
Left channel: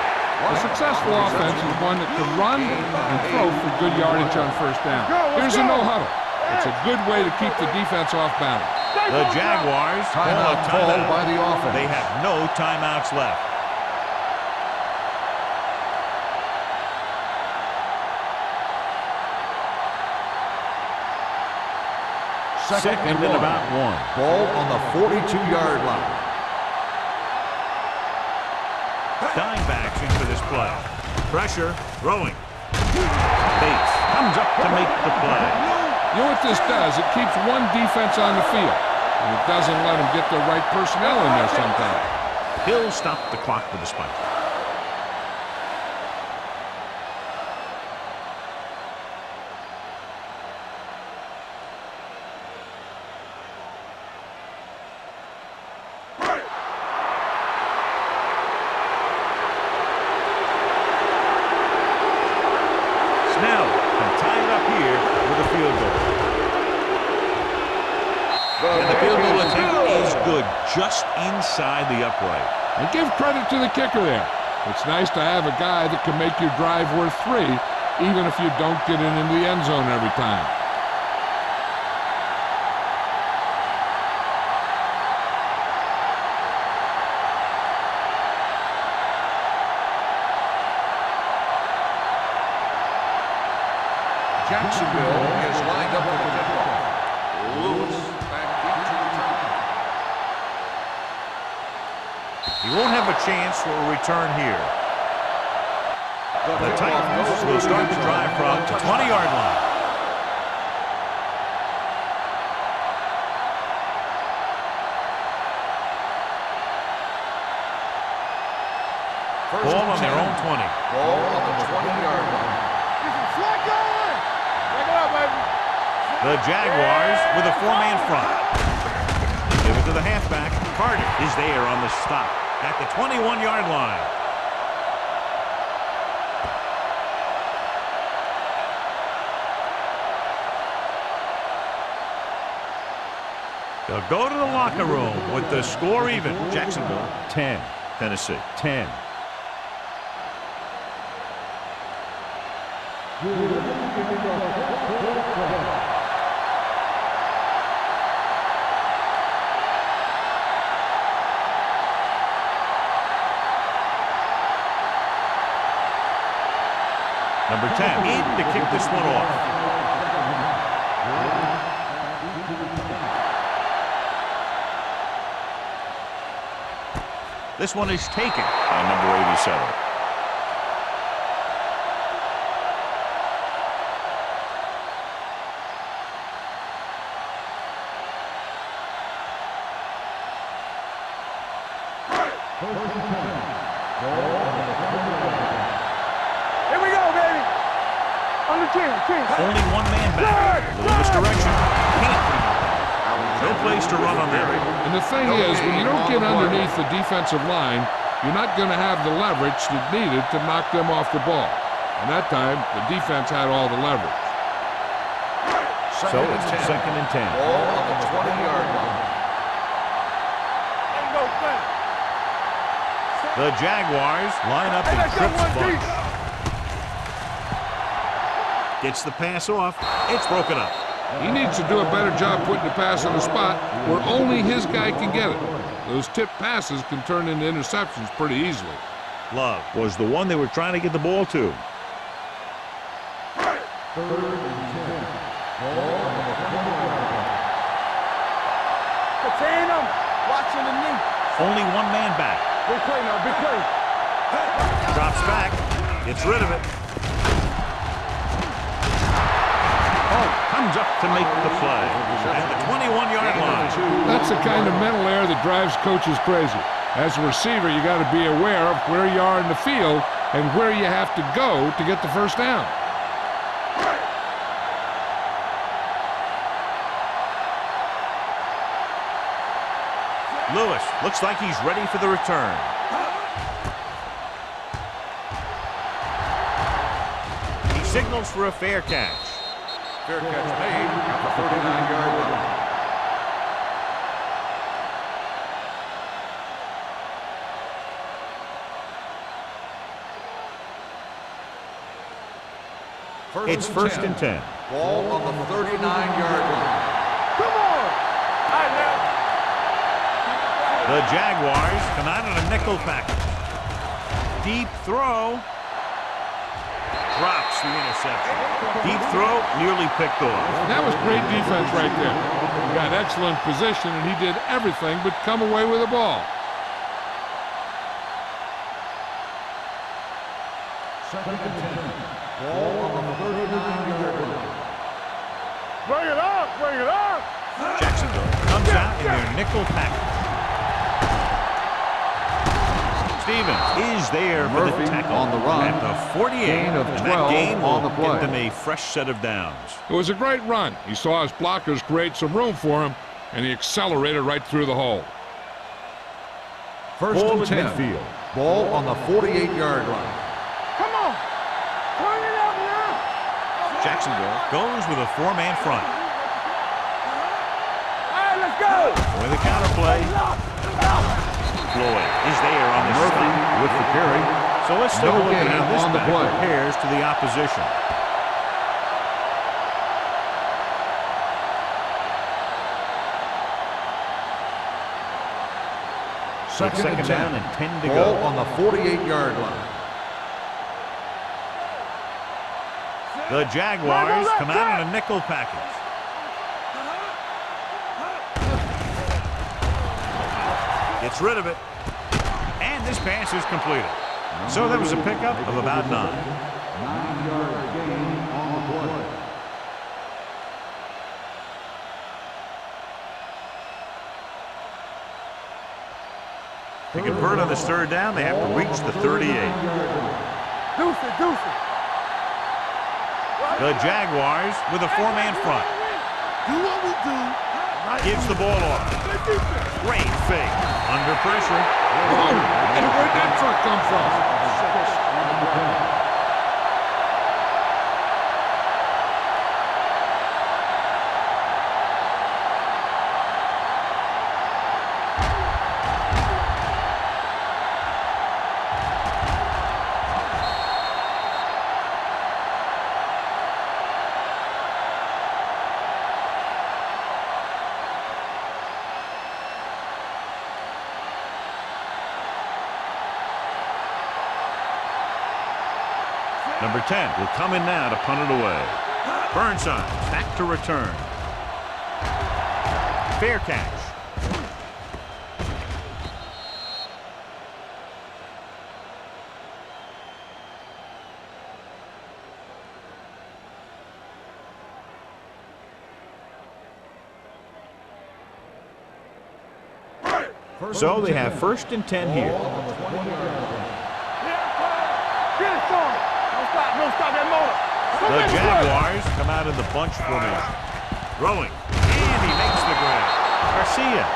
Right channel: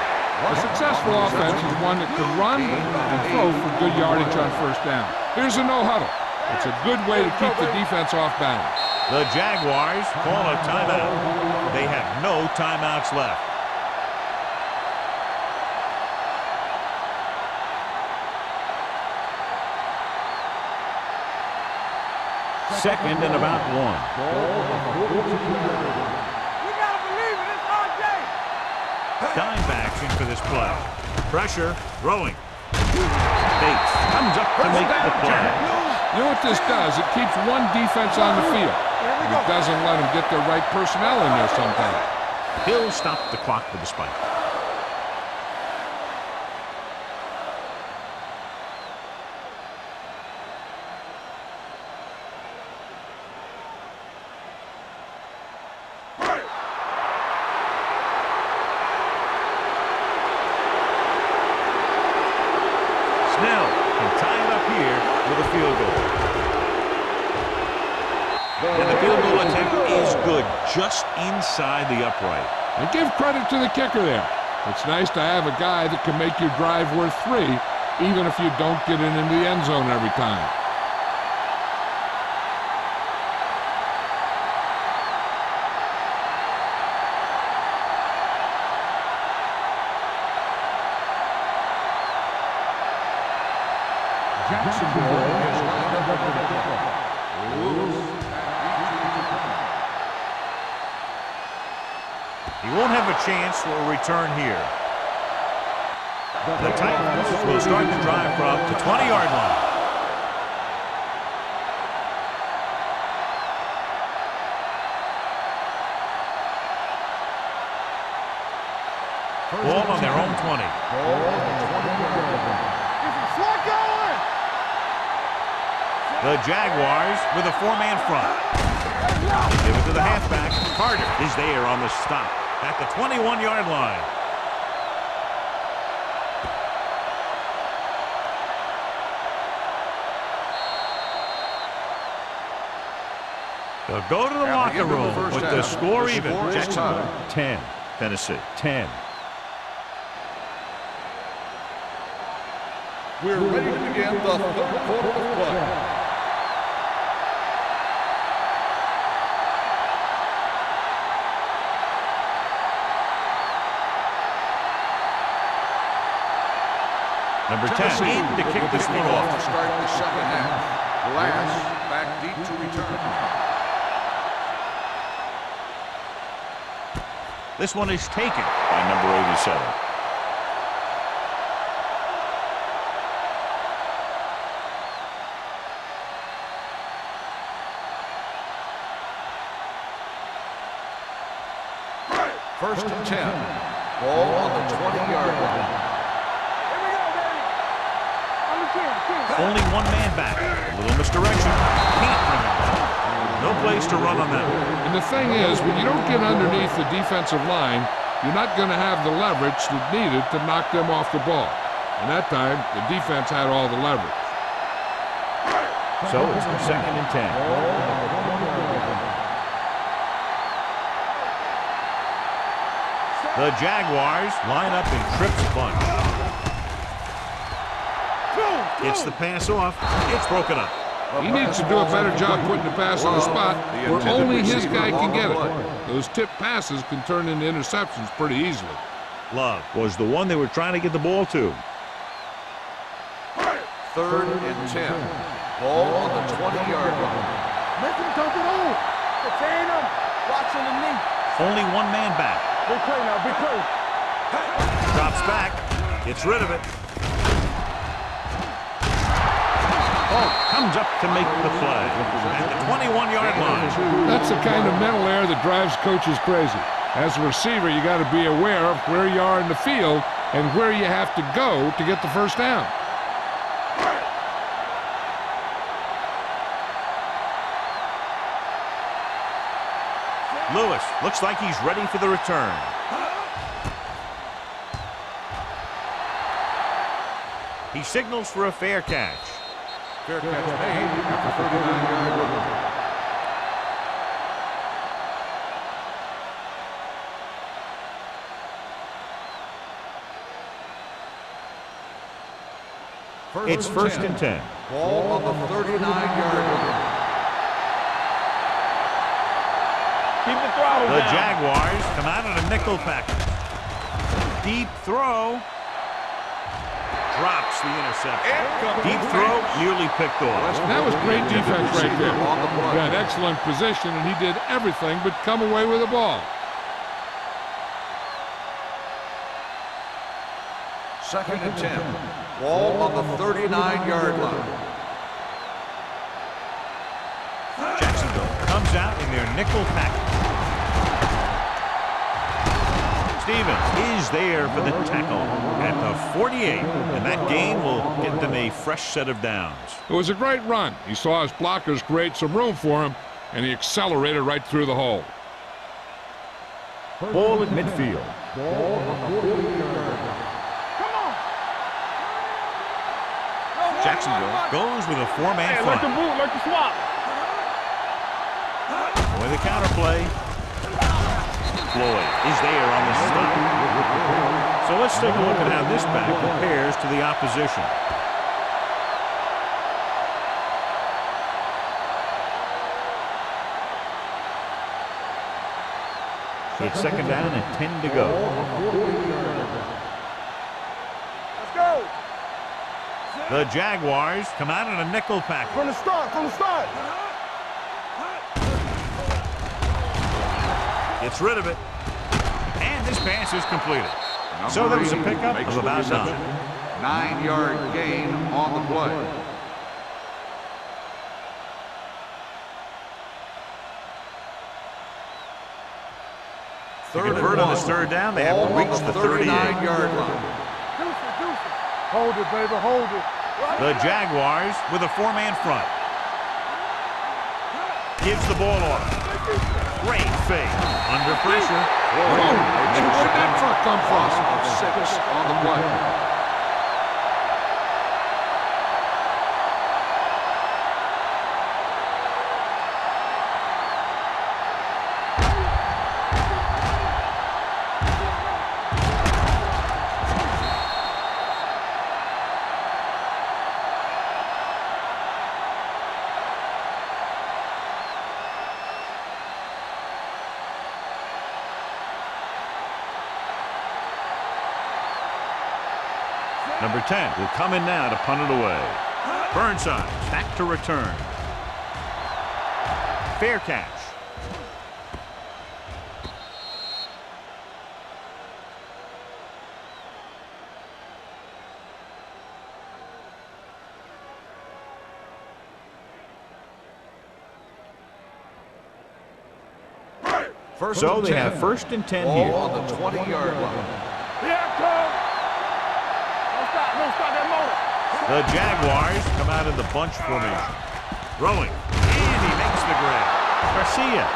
A successful offense is one that can run and throw for good yardage on first down. Here's a no huddle. It's a good way to keep the defense off balance. The Jaguars call a timeout. They have no timeouts left. Second and about 1. Ball on the 42-yard line. Dime action for this play. Pressure, throwing. Bates comes up to make the play. You know what this does? It keeps one defense on the field, and it doesn't let them get the right personnel in there sometimes. He'll stop the clock with a spike. Snell can tie it up here with a field goal. And the field goal attempt is good, just inside the upright. And give credit to the kicker there. It's nice to have a guy that can make your drive worth 3, even if you don't get it into the end zone every time. Jacksonville is lined up for the kickoff. Lewis back deep to return. He won't have a chance for a return here. The Titans will start the drive from the 20-yard line. Ball on their own 20. Ball on the 20-yard line. Get some slot going. The Jaguars with a 4-man front. They give it to the halfback. Carter is there on the stop at the 21-yard line. They'll go to the locker room with the score even. Jacksonville 10, Tennessee 10. We're ready to begin the third quarter of play. Number 10 in to kick this one off. Start the second half. Glass back deep to return. This one is taken by number 87. First and 10. Ball on the 20-yard line. Here we go, baby. On the 10. Only one man back. A little misdirection. Can't bring him back. No place to run on that one. And the thing is, when you don't get underneath the defensive line, you're not going to have the leverage that needed to knock them off the ball. And that time, the defense had all the leverage. So it's second and 10. Ball on the 20-yard line. The Jaguars line up in Tripp's bunch. Gets the pass off. It's broken up. He needs to do a better job putting the pass in a spot where only his guy can get it. Those tipped passes can turn into interceptions pretty easily. Love was the one they were trying to get the ball to. Third and 10. Ball on the 20-yard line. Contain him. Watching the knee. Only one man back. Big play now, big play. Drops back. Gets rid of it. Oh, comes up to make the play at the 21-yard line. That's the kind of mental error that drives coaches crazy. As a receiver, you got to be aware of where you are in the field and where you have to go to get the first down. Lewis looks like he's ready for the return. He signals for a fair catch. Fair catch made at the 39-yard line. It's first and 10. Ball on the 39-yard line. Come on. Keep the throttle The down. Jaguars come out in a nickel package. Deep throw. Drops the interception. Deep throw, nearly picked off. That was great defense right there. He got excellent position, and he did everything but come away with the ball. Second and 10. Ball on the 39-yard line. Bring it up. Bring it up. Jacksonville comes out in their nickel package. Stevens is there for the tackle at the 48, and that gain will get them a fresh set of downs. It was a great run. He saw his blockers create some room for him, and he accelerated right through the hole. First Ball and at 10. midfield. Ball on the 48-yard line. Come on. Jacksonville goes with a four-man front. With the counterplay. Floyd is there on the stop. With the carry. So let's take a look at how this back compares to the opposition. It's second down and 10 to go. Ball on the 48-yard line. The Jaguars come out in a nickel package. From the start. Gets rid of it. And this pass is completed. So that was a pickup of about 9. 9-yard gain on the play. To convert on this third down, they have to reach the 38. Deuce it. Hold it, baby. Hold it. The Jaguars with a four-man front. Gives the ball off. Great fake. Under pressure. Oh, and where'd that truck come from? Of 6 on the play. Number 10 will come in now to punt it away. Burnside back to return. Fair catch. So they have first and 10 here. On the 20-yard line. Yeah, Cole. Get it for him. Don't stop that motor. The Jaguars come out in the bunch formation. Throwing. And he makes the grab. Garcia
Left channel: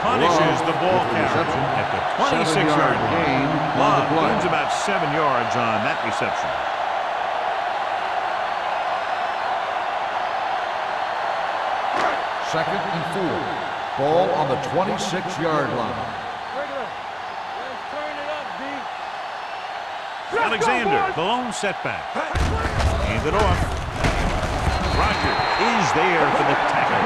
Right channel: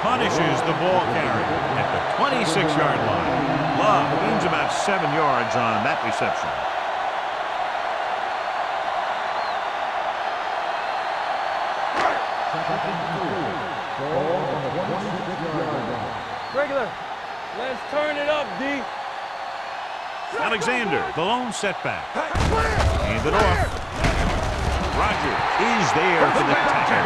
punishes the ball carrier at the 26-yard line. Love gains about 7 yards on that reception. Second and 4. Ball on the 26-yard line. Regular. Let's turn it up, D. Alexander, the lone setback. Hand it off. Rogers is there for the tackle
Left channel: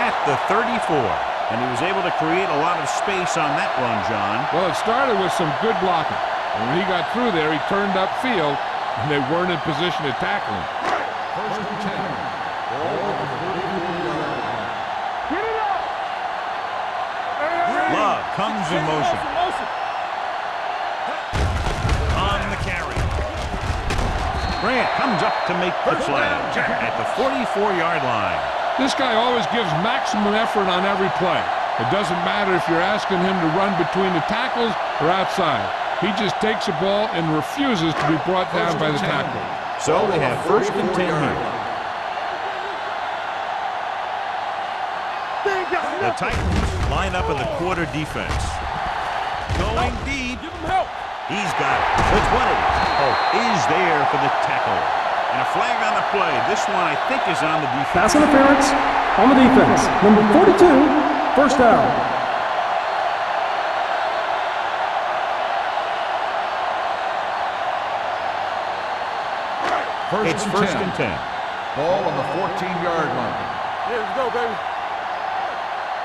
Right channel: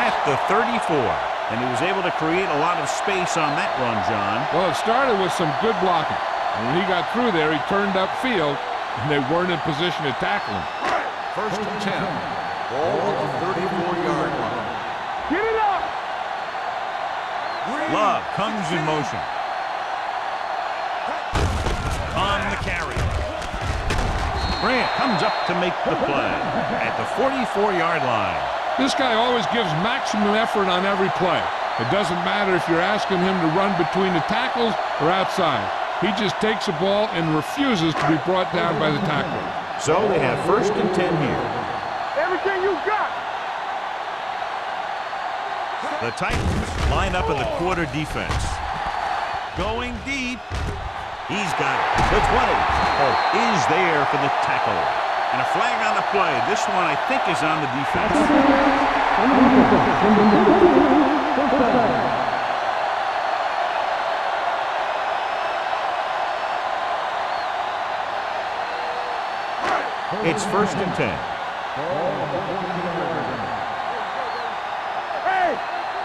at the 34. And he was able to create a lot of space on that run, John. Well, it started with some good blocking. And when he got through there, he turned upfield, and they weren't in position to tackle him. First and 10. Ball on the 34-yard line. Get it up. Love comes in motion. On the carry. Grant comes up to make the play at the 44-yard line. This guy always gives maximum effort on every play. It doesn't matter if you're asking him to run between the tackles or outside. He just takes the ball and refuses to be brought down by the tackler. So they have first and 10 here. Everything you got. The Titans line up in the quarter defense. Going deep. He's got it. The 20. is there for the tackle. And a flag on the play. This one, I think, is on the defense. Pass interference on the defense. Number 42, first down. It's first and 10. Ball on the 14-yard line. Here we go, baby. Hey,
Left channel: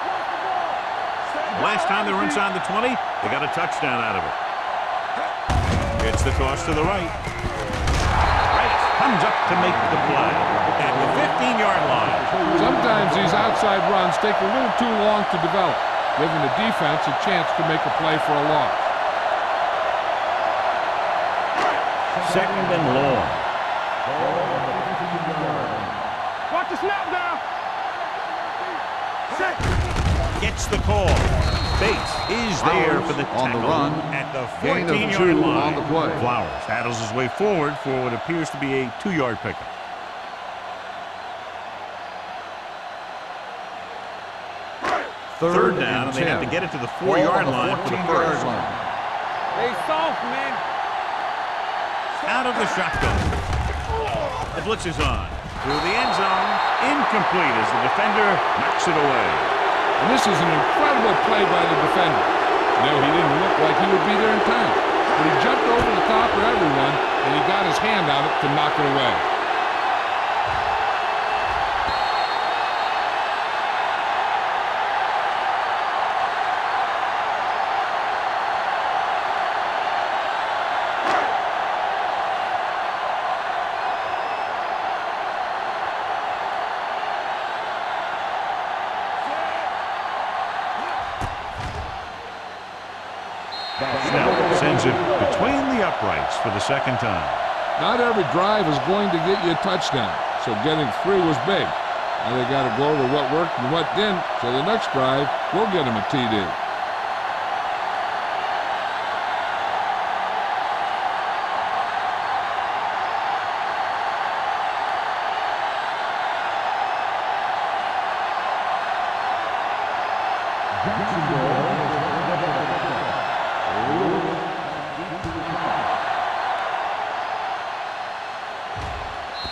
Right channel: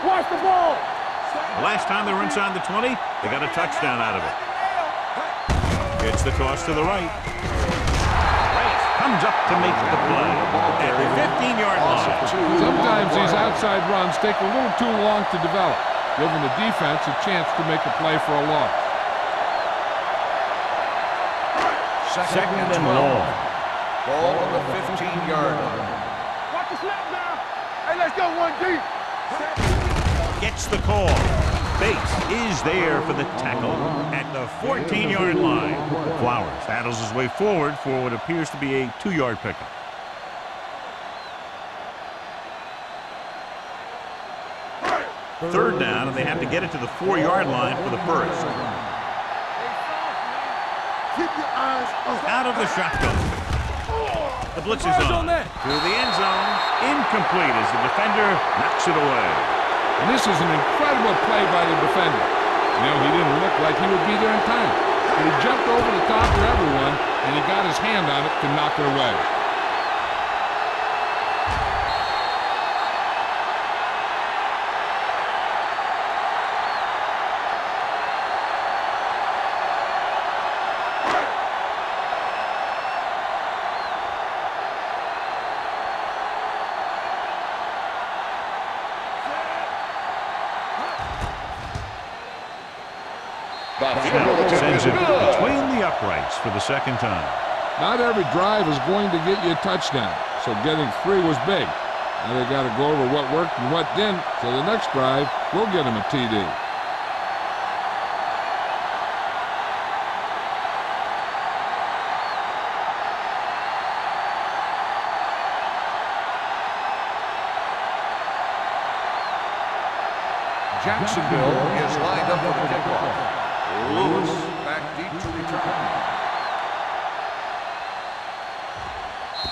watch the ball. The last time they were inside the 20, they got a touchdown out of it. It's the toss to the right. Reyes comes up to make the play at the 15-yard line. Sometimes these outside runs take a little too long to develop, giving the defense a chance to make a play for a loss. Second and long. Ball on the 15-yard line. Watch the snap now. Hey, let's go one deep. Set. Gets the call. Bates is there for the tackle at the 14-yard line. Flowers battles his way forward for what appears to be a 2-yard pickup. Third down, and they have to get it to the 4-yard line for the first. Stay soft, man. Keep your eyes on. Out of the shotgun. The blitz is on. To the end zone. Incomplete as the defender knocks it away. And this is an incredible play by the defender. You know, he didn't look like he would be there in time, but he jumped over the top of everyone, and he got his hand on it to knock it away. Snell sends it between the uprights for the second time. Not every drive is going to get you a touchdown, so getting 3 was big. Now they got to go over what worked and what didn't, so the next drive will get him a TD. Jacksonville is lined up with the kickoff. Lewis back deep to return.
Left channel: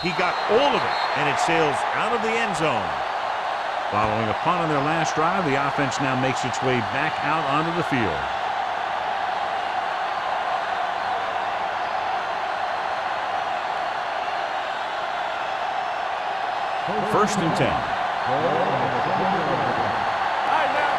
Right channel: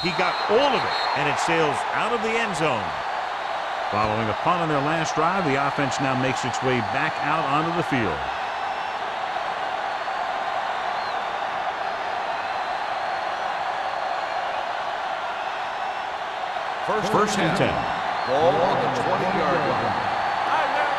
He got all of it, and it sails out of the end zone. Following a punt on their last drive, the offense now makes its way back out onto the field. First and 10. Ball on the 20-yard line. All right, now.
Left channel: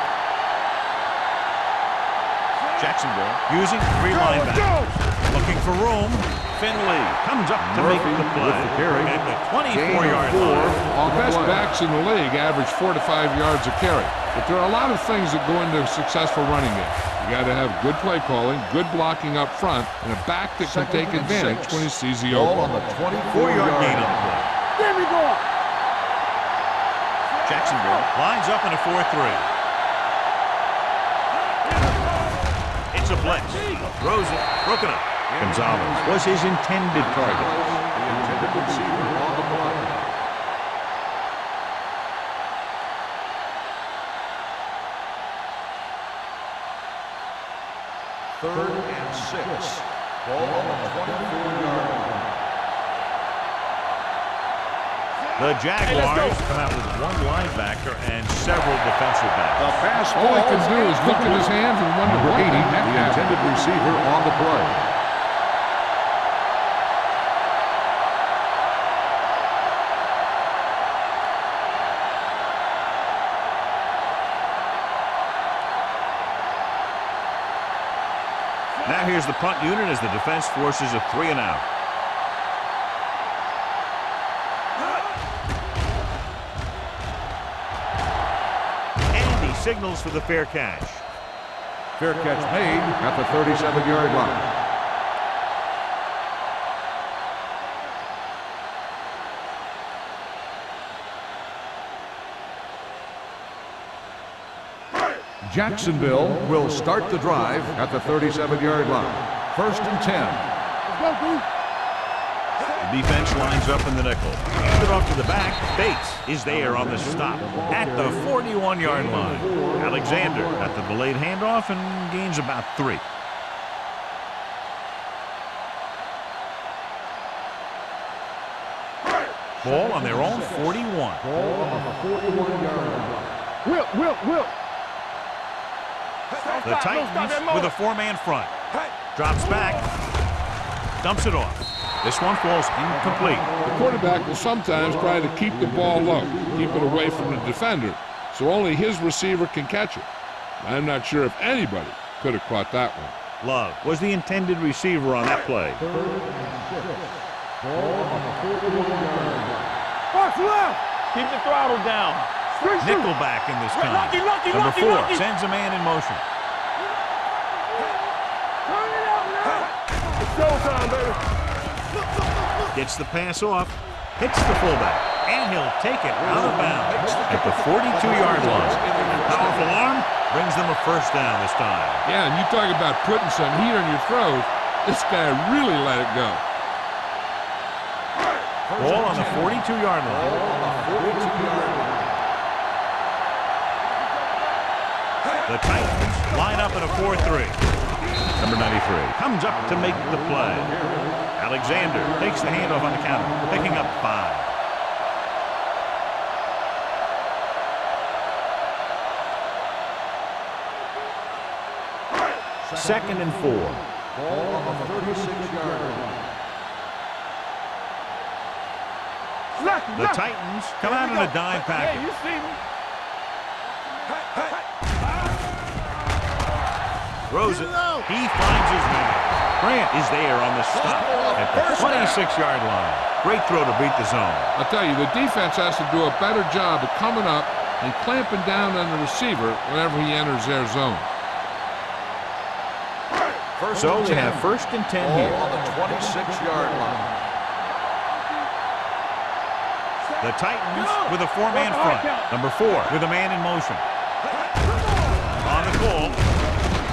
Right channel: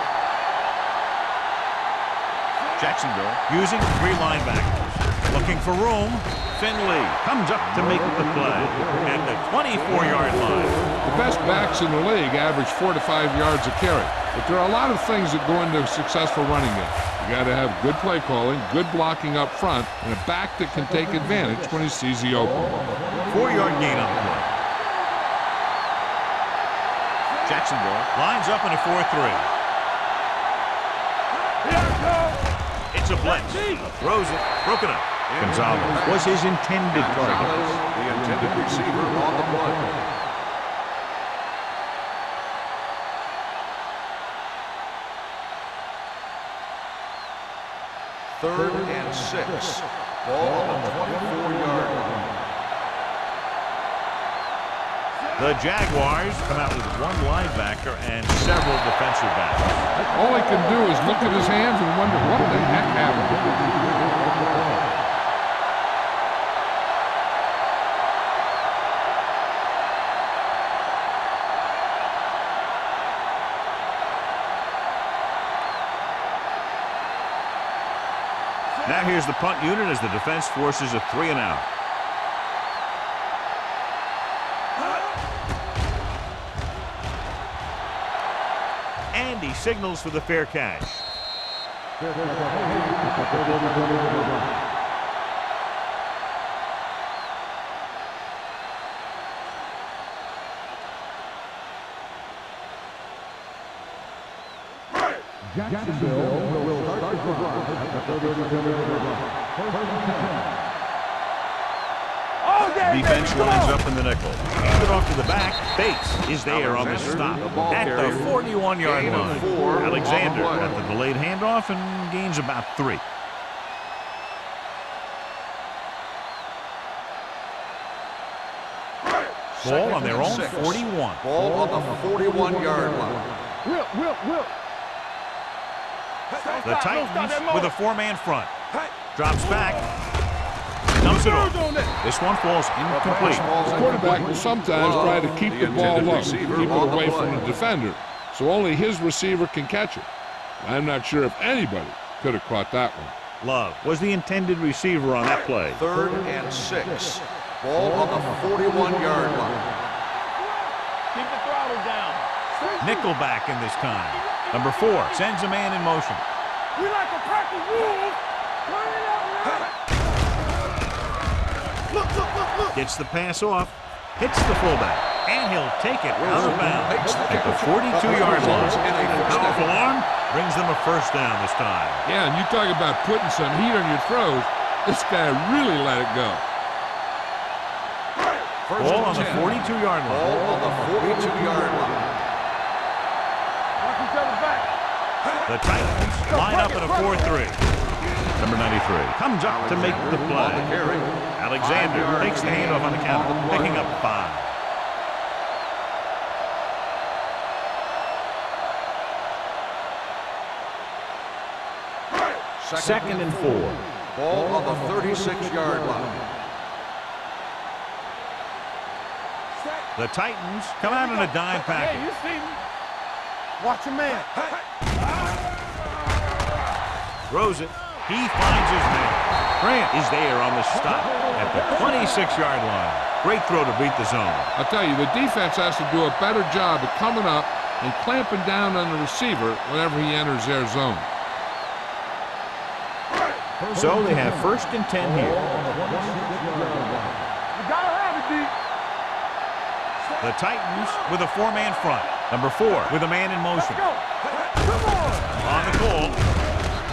Jacksonville using 3 linebackers. Looking for room. Finley comes up to make the play at the 24-yard line. The best backs in the league average 4 to 5 yards a carry, but there are a lot of things that go into a successful running game. You got to have good play calling, good blocking up front, and a back that can take advantage when he sees the opening. 4-yard gain on the play. Jacksonville lines up in a 4-3. It's a blitz. Throws it. Broken up. Gonzalez was his intended target. The intended receiver on the play. Third and 6. Ball on the 24-yard line. The Jaguars come out with 1 linebacker and several defensive backs. All he can do is look at his hands and wonder what the heck happened. The intended receiver on the play. Now here's the punt unit as the defense forces a 3 and out. And he signals for the fair catch. Fair catch made at the 37-yard line. Jacksonville will start the drive at the 37-yard line. First and 10. The defense lines up in the nickel. Hand it off to the back. Bates is there on the stop at the 41-yard line. Alexander at the delayed handoff and gains about 3. Ball on their own 41. Ball on the 41-yard line. Will. The Titans with a four-man front. Drops back. Dumps it off. This one falls incomplete. The quarterback will sometimes try to keep the ball low, keep it away from the defender, so only his receiver can catch it. I'm not sure if anybody could have caught that one. Love was the intended receiver on that play. 3rd and 6. Ball on the 41-yard line. Box left. Keep the throttle down. Nickelback in this time. Number 4 sends a man in motion. We like a pack of wolves. Turn it out now. Gets the pass off. Hits the fullback. And he'll take it out of bounds at the 42-yard line. And powerful arm brings them a first down this time. Yeah, and you talk about putting some heat on your throws. This guy really let it go. Ball on the 42-yard line. Ball on the 42-yard line. The Titans line up in a 4-3. Number 93 comes up to make the play. Alexander takes the handoff on the counter, picking up 5. Second and 4. Ball on the 36-yard line. The Titans come out in a dime package. Hey, you see me? Watch your man. Throws it. He finds his man. Grant is there on the stop at the 26-yard line. Great throw to beat the zone. I'll tell you, the defense has to do a better job of coming up and clamping down on the receiver whenever he enters their zone. So they have 1st and 10 here. Ball on the 26-yard line. The Titans with a 4-man front. Number 4 with a man in motion. On the call,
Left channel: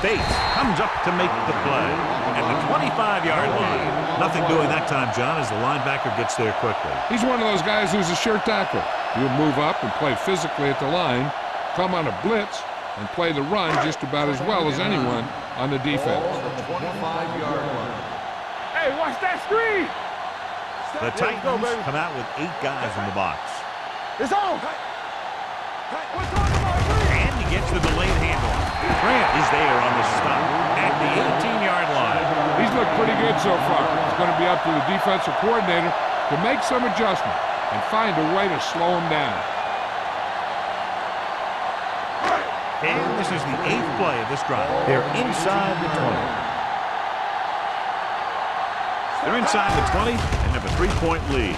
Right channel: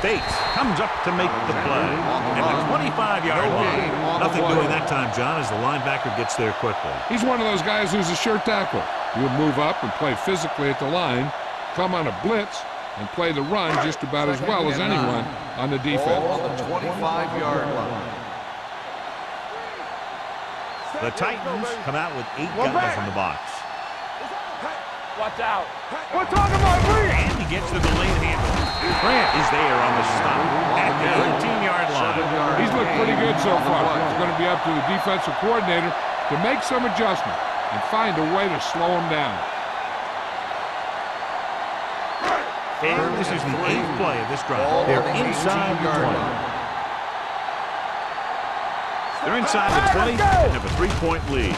Bates comes up to make the play at the 25-yard line. Nothing doing that time, John, as the linebacker gets there quickly. He's one of those guys who's a sure tackler. He'll move up and play physically at the line, come on a blitz, and play the run just about as well as anyone on the defense. Ball on the 25-yard line. Hey, watch that screen. The Titans come out with 8 guys in the box. It's on. Watch out. We're talking about Green. And he gets the delayed handoff. Grant is there on the stop at the 18-yard line. He's looked pretty good so far. It's going to be up to the defensive coordinator to make some adjustment and find a way to slow him down. And this is the 8th play of this drive. They're inside the 20. They're inside the 20 and have a 3-point lead.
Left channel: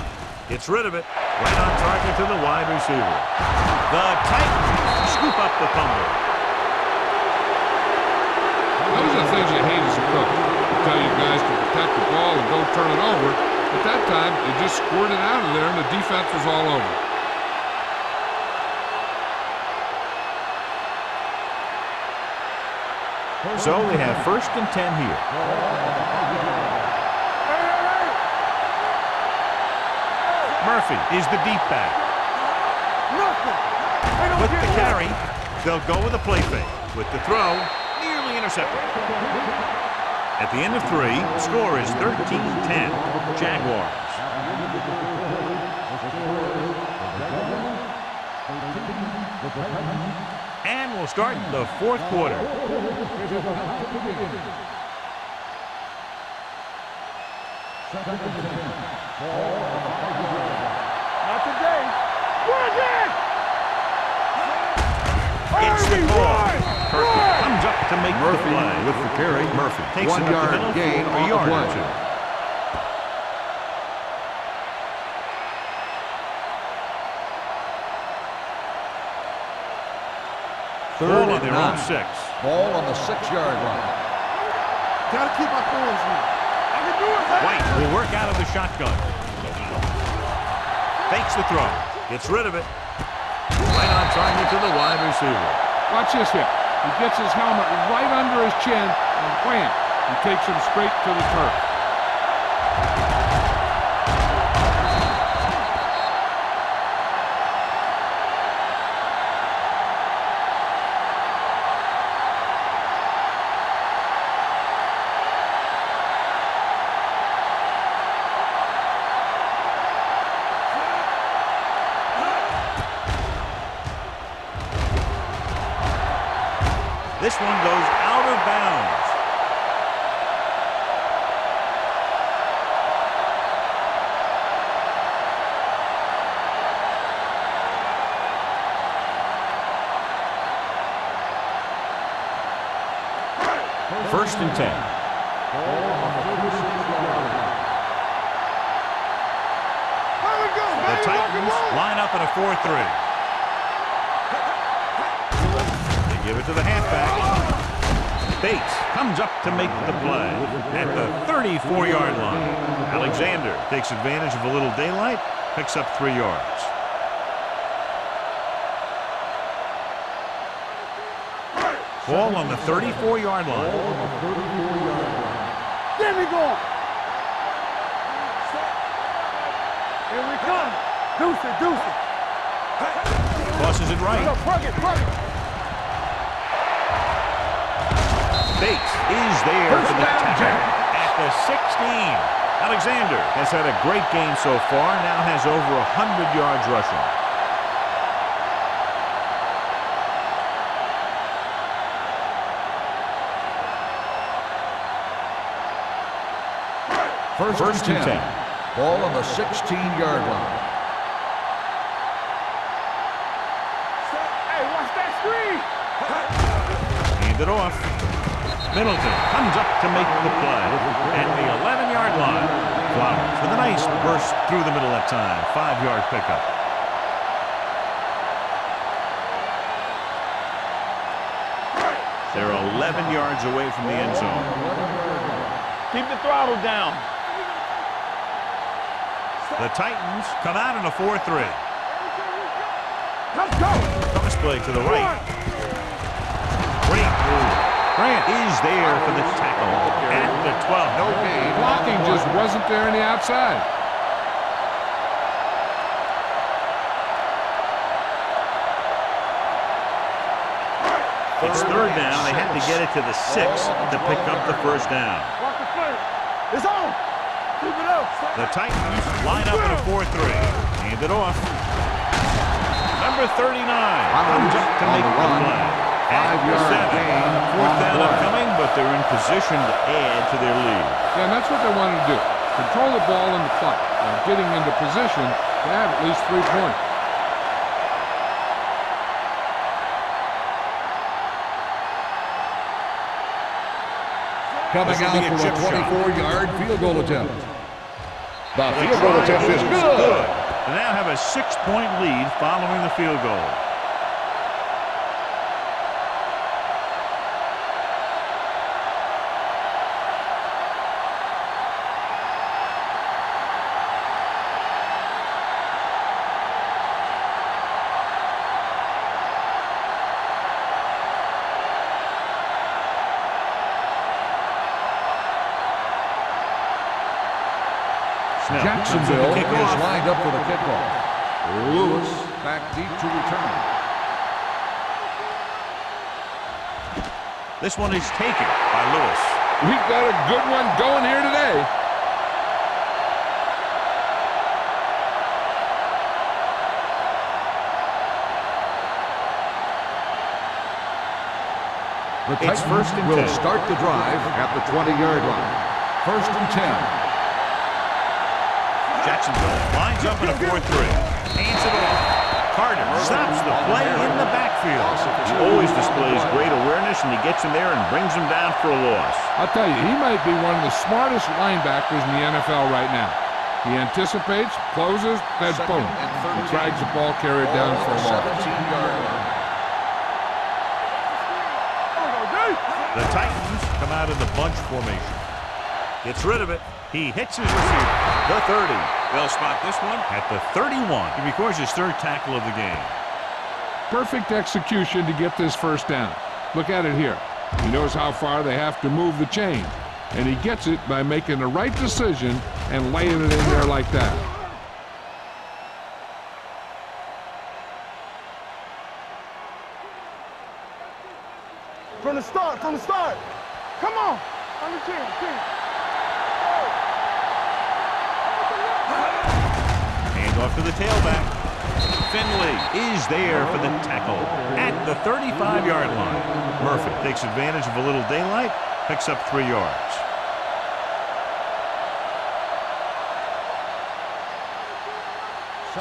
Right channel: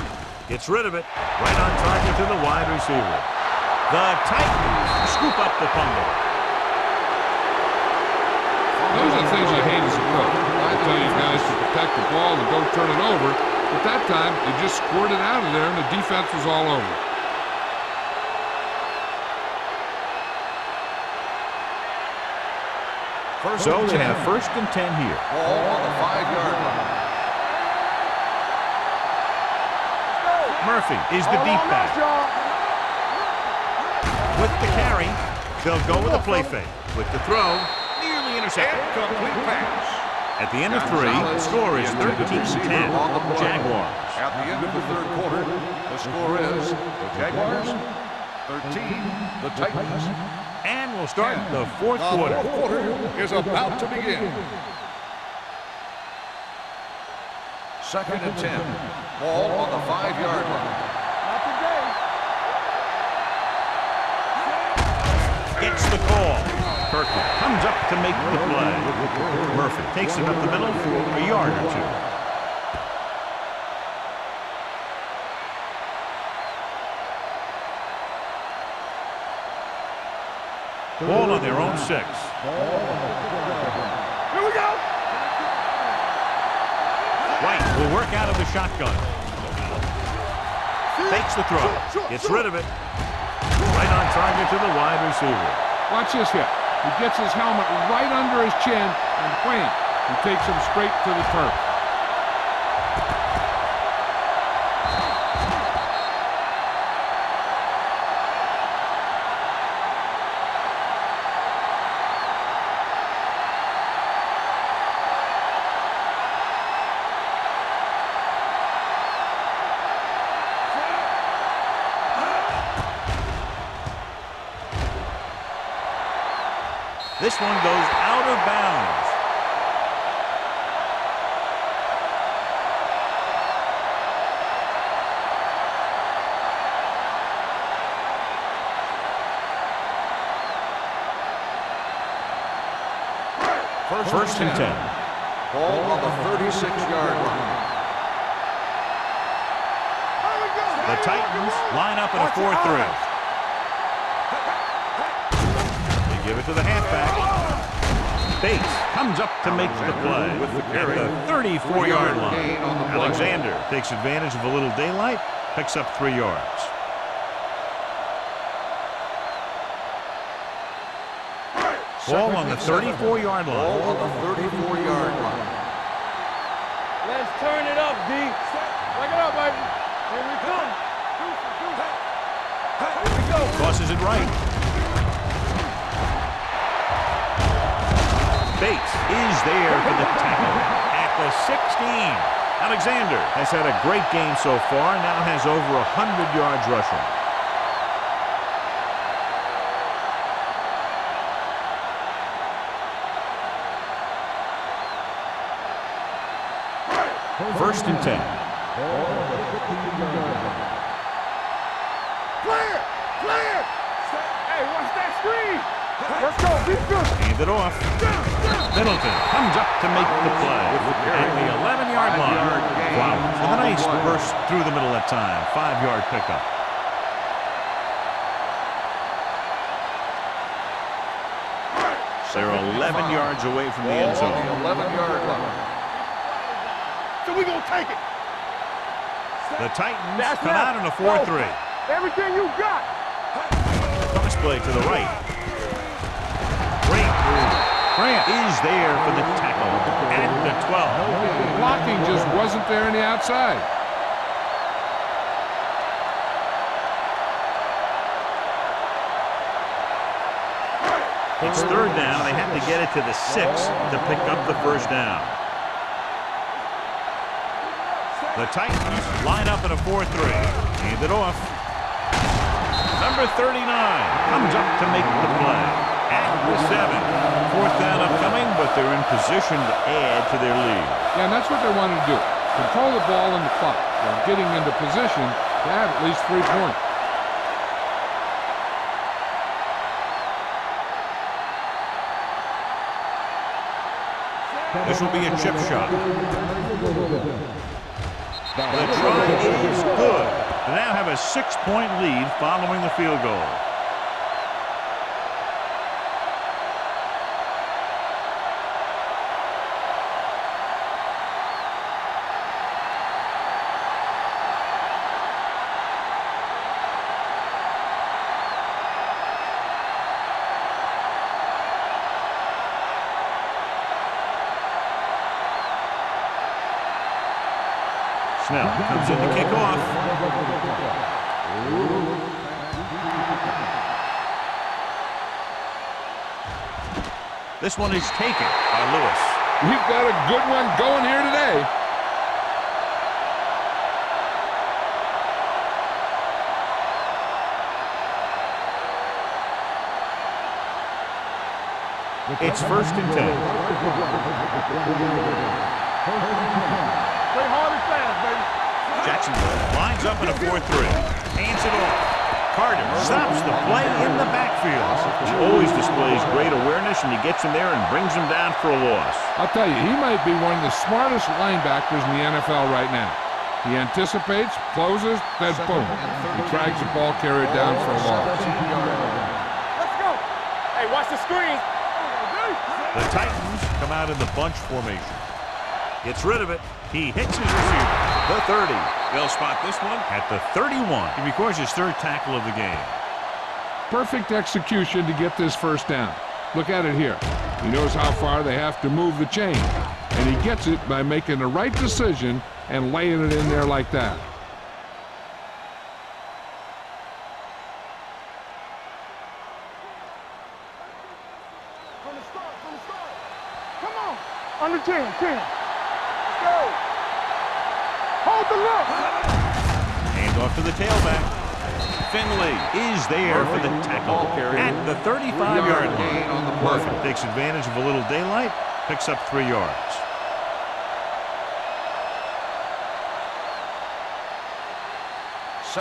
Gets rid of it. Right on target to the wide receiver. The Titans scoop up the fumble. Those are the things you hate as a coach. They tell you guys to protect the ball and don't turn it over. But that time, they just squirted it out of there and the defense was all over it. So they have 1st and 10 here. Ball on the 5-yard line. Murphy is the deep back. With the carry, they'll go with a play fake. With the throw, nearly intercepted. At the end of 3, the score is 13-10, Jaguars. At the end of the 3rd quarter, the score is the Jaguars 13, the Titans. And we'll start the 4th quarter. The 4th quarter is about to begin. 2nd and 10. Ball on the 5-yard line. Not today. Gets the call. Kirkland comes up to make the play. With the carry. Murphy takes it up the middle for a yard or 2. Ball on their own 6. Ball on the 6-yard line. Gotta keep our hands moving. White will work out of the shotgun. Fakes the throw. Gets rid of it. Right on target to the wide receiver. Watch this hit. He gets his helmet right under his chin and wham, he takes him straight to the turf. This one goes out of bounds. First and 10. Ball on the 36-yard line. The Titans line up in a 4-3. They give it to the halfback. Bates comes up to make the play at the 34-yard line. Alexander takes advantage of a little daylight, picks up 3 yards. Ball on the 34-yard line. There we go. Let's turn it up, D. Set. Bring it up, baby. Here we come. Deuce it, deuce it. Tosses it right. Bates is there for the tackle at the 16. Alexander has had a great game so far, now has over 100 yards rushing. First and 10. Ball on the 16-yard line. Clear. Clear. Hey, watch that screen. Hand it off. Middleton comes up to make the play at the 11-yard line. Flowers with a nice burst through the middle that time. 5-yard pickup. They're 11 yards away from the end zone. 11-yard line. Keep the throttle down. So we gonna take it. The Titans come out in a 4-3. Everything you got. Cross play to the right. Great move. Grant is there for the tackle at the 12. No gain. Blocking just wasn't there on the outside. It's third down. They had to get it to the 6 to pick up the first down. It's on. Keep it up. The Titans line up in a 4-3. Hand it off. Number 39 comes up to make the play at the 7. Fourth down upcoming, but they're in position to add to their lead. Yeah, and that's what they wanted to do. Control the ball and the clock while getting into position to have at least 3 points. Coming This will be a out for chip the shot. 24-yard field goal attempt. The try is good. They now have a 6-point lead following the field goal. Snell comes in to kick off. Lined up for the kickoff. Lewis back deep to return. This one is taken by Lewis. We've got a good one going here today. It's first and 10. Will start the drive at the 20-yard line. First and 10. Jacksonville lines up in a 4-3. Hands it off. Carter stops the play in the backfield. He always displays great awareness, and he gets him there and brings him down for a loss. I'll tell you, he might be one of the smartest linebackers in the NFL right now. He anticipates, closes, then boom. He drags the ball carrier down for a loss. 17-yard line. Hey, watch the screen. There we go, D. The Titans come out in the bunch formation. Gets rid of it. He hits his receiver. The 30. They'll spot this one at the 31. He records his 3rd tackle of the game. Perfect execution to get this first down. Look at it here. He knows how far they have to move the chain, and he gets it by making the right decision and laying it in there like that. From the start, from the start. Come on. Under 10, 10. Let's go. Hold the look. Hand off to the tailback. Finley is there for the tackle at the 35-yard line. Murphy takes advantage of a little daylight, picks up 3 yards.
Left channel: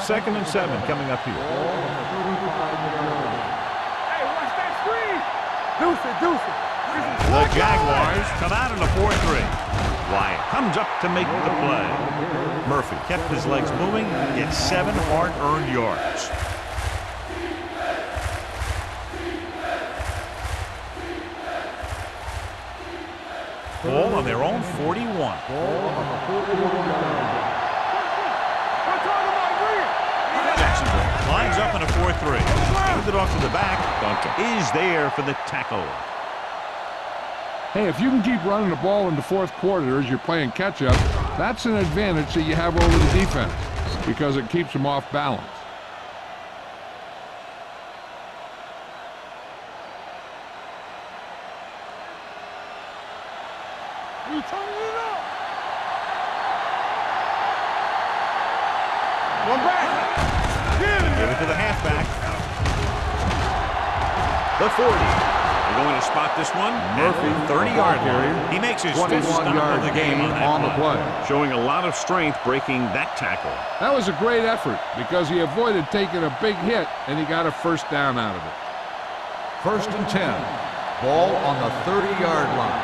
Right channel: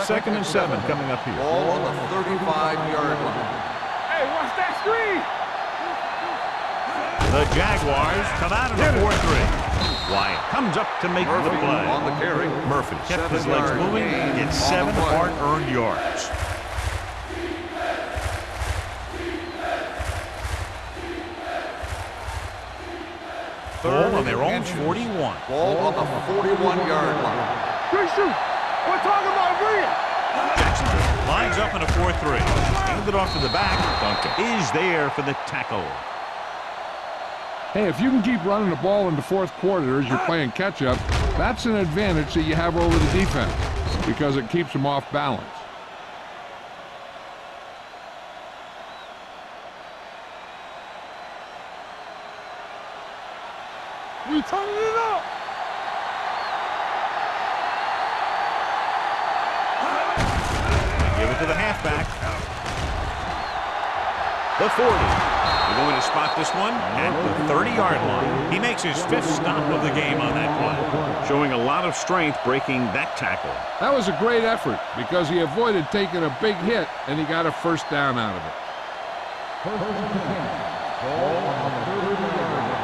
Second and 7 coming up here. Ball on the 35-yard line. Hey, watch that screen. Deuce it. The Jaguars come out in a 4-3. Wyatt comes up to make the play. Murphy kept his legs moving, gets 7 hard-earned yards. Ball on their own 41. Ball on the 41-yard line. We're talking about Rhea. Jacksonville lines up in a 4-3. Handed off to the back. Duncan is there for the tackle. Hey, if you can keep running the ball in the fourth quarter as you're playing catch-up, that's an advantage that you have over the defense because it keeps them off balance. We turning it up. One back. Give it to the halfback. The 40. They're going to spot this one at the 30-yard line. He makes his 5th stop of the game on that play, showing a lot of strength breaking that tackle. That was a great effort because he avoided taking a big hit and he got a first down out of it. First and 10. Ball on the 30-yard line.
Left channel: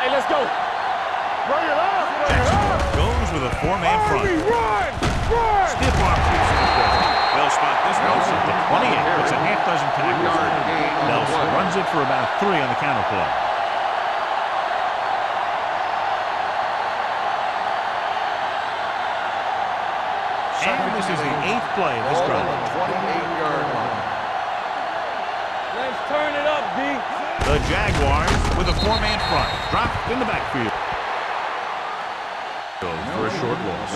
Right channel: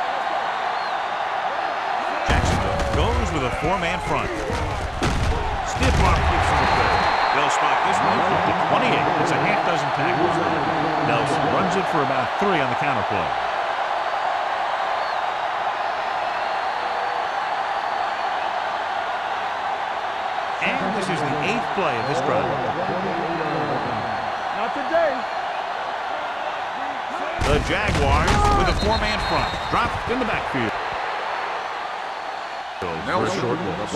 Hey, let's go. Run it up. Jacksonville goes with a 4-man front. Stiff arm keeps him at bay. They'll spot this one at the 28. It's a half dozen tackles. Nelson runs it for about 3 on the counter play. And this is the 8th play of this drive. 28-yard line. Not today. Let's turn it up, D. The Jaguars with a 4-man front. Dropped in the backfield. For a short loss.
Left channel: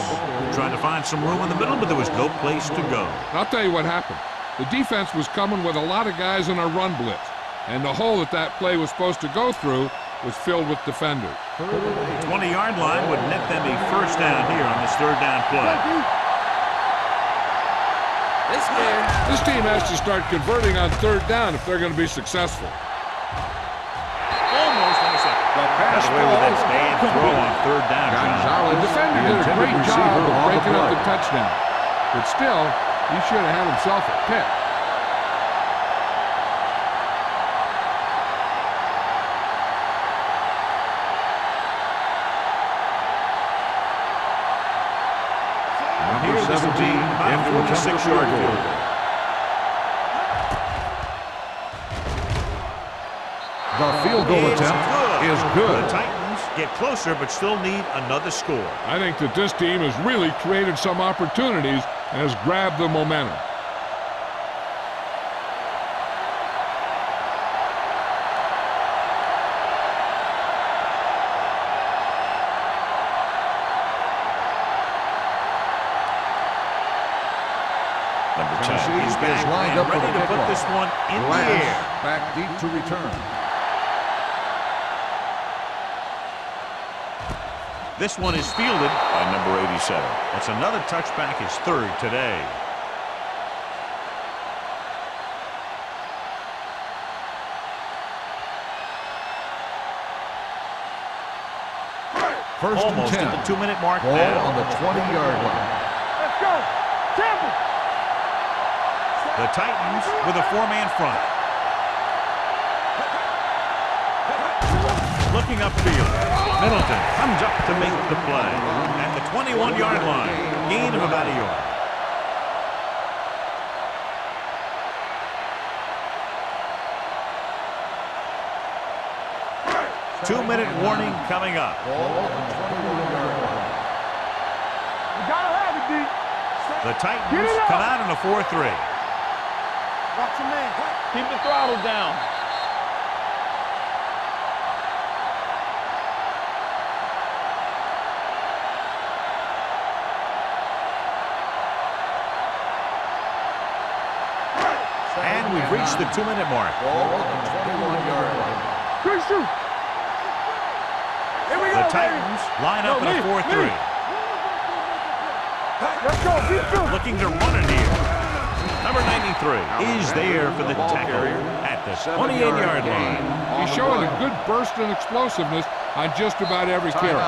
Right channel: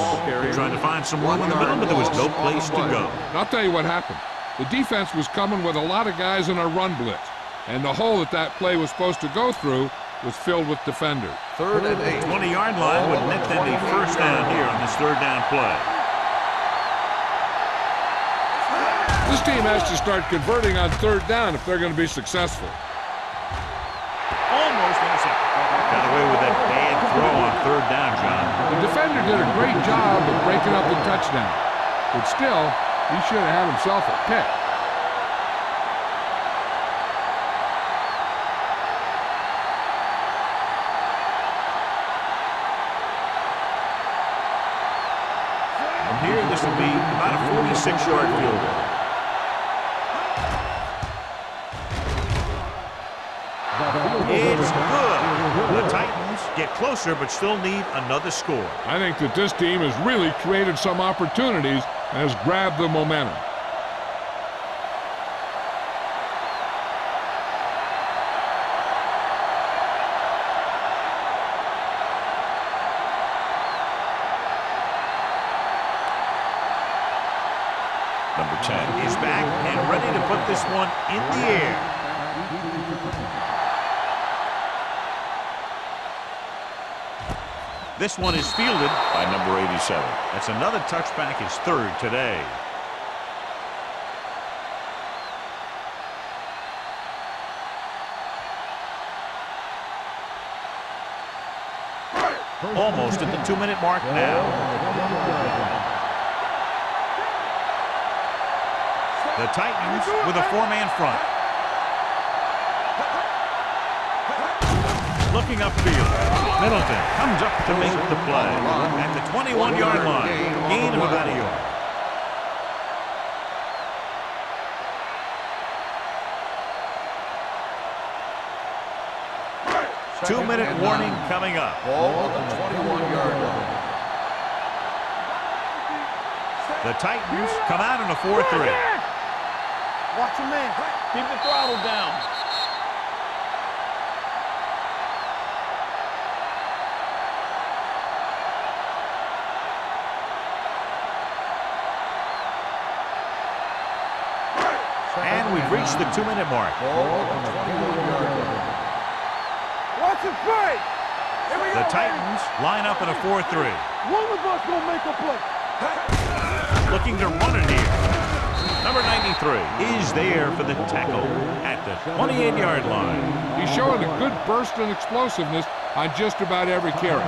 Trying to find some room in the middle, but there was no place to go. I'll tell you what happened. The defense was coming with a lot of guys in a run blitz, and the hole that play was supposed to go through was filled with defenders. 3rd and 8. 20-yard line would net them a first down here on this 3rd down play. This team has to start converting on 3rd down if they're going to be successful. Almost intercepted. Got away with that bad throw on 3rd down, John. The defender did a great job of breaking up the touchdown, but still, he should have had himself a pick. From here, this will be about a 46-yard field goal. The field goal It's attempt is good. The Titans get closer, but still need another score. I think that this team has really created some opportunities and has grabbed the momentum. Number 10 is back and ready to put this one in the air. Back deep to return. This one is fielded by number 87. That's another touchback, his 3rd today. Almost at the 2-minute mark Ball now. on the 20-yard line. Let's go. The Titans with a 4-man front. Looking upfield. Middleton comes up to make the play at the 21-yard line. Gain of about a yard. Two-minute warning coming up. Ball on the 21-yard line. We gotta have it, D. The Titans come out in a 4-3. Watch your man. Keep the throttle down. And we've reached the 2-minute mark. Ball on the 21-yard line. Good shoot. Watch the play. Here we The go, Titans baby. line up in a 4-3. One of us gonna make a play. Looking to run it here. Number 93 is there for the tackle at the 28-yard line. He's showing a good burst and explosiveness on just about every carry.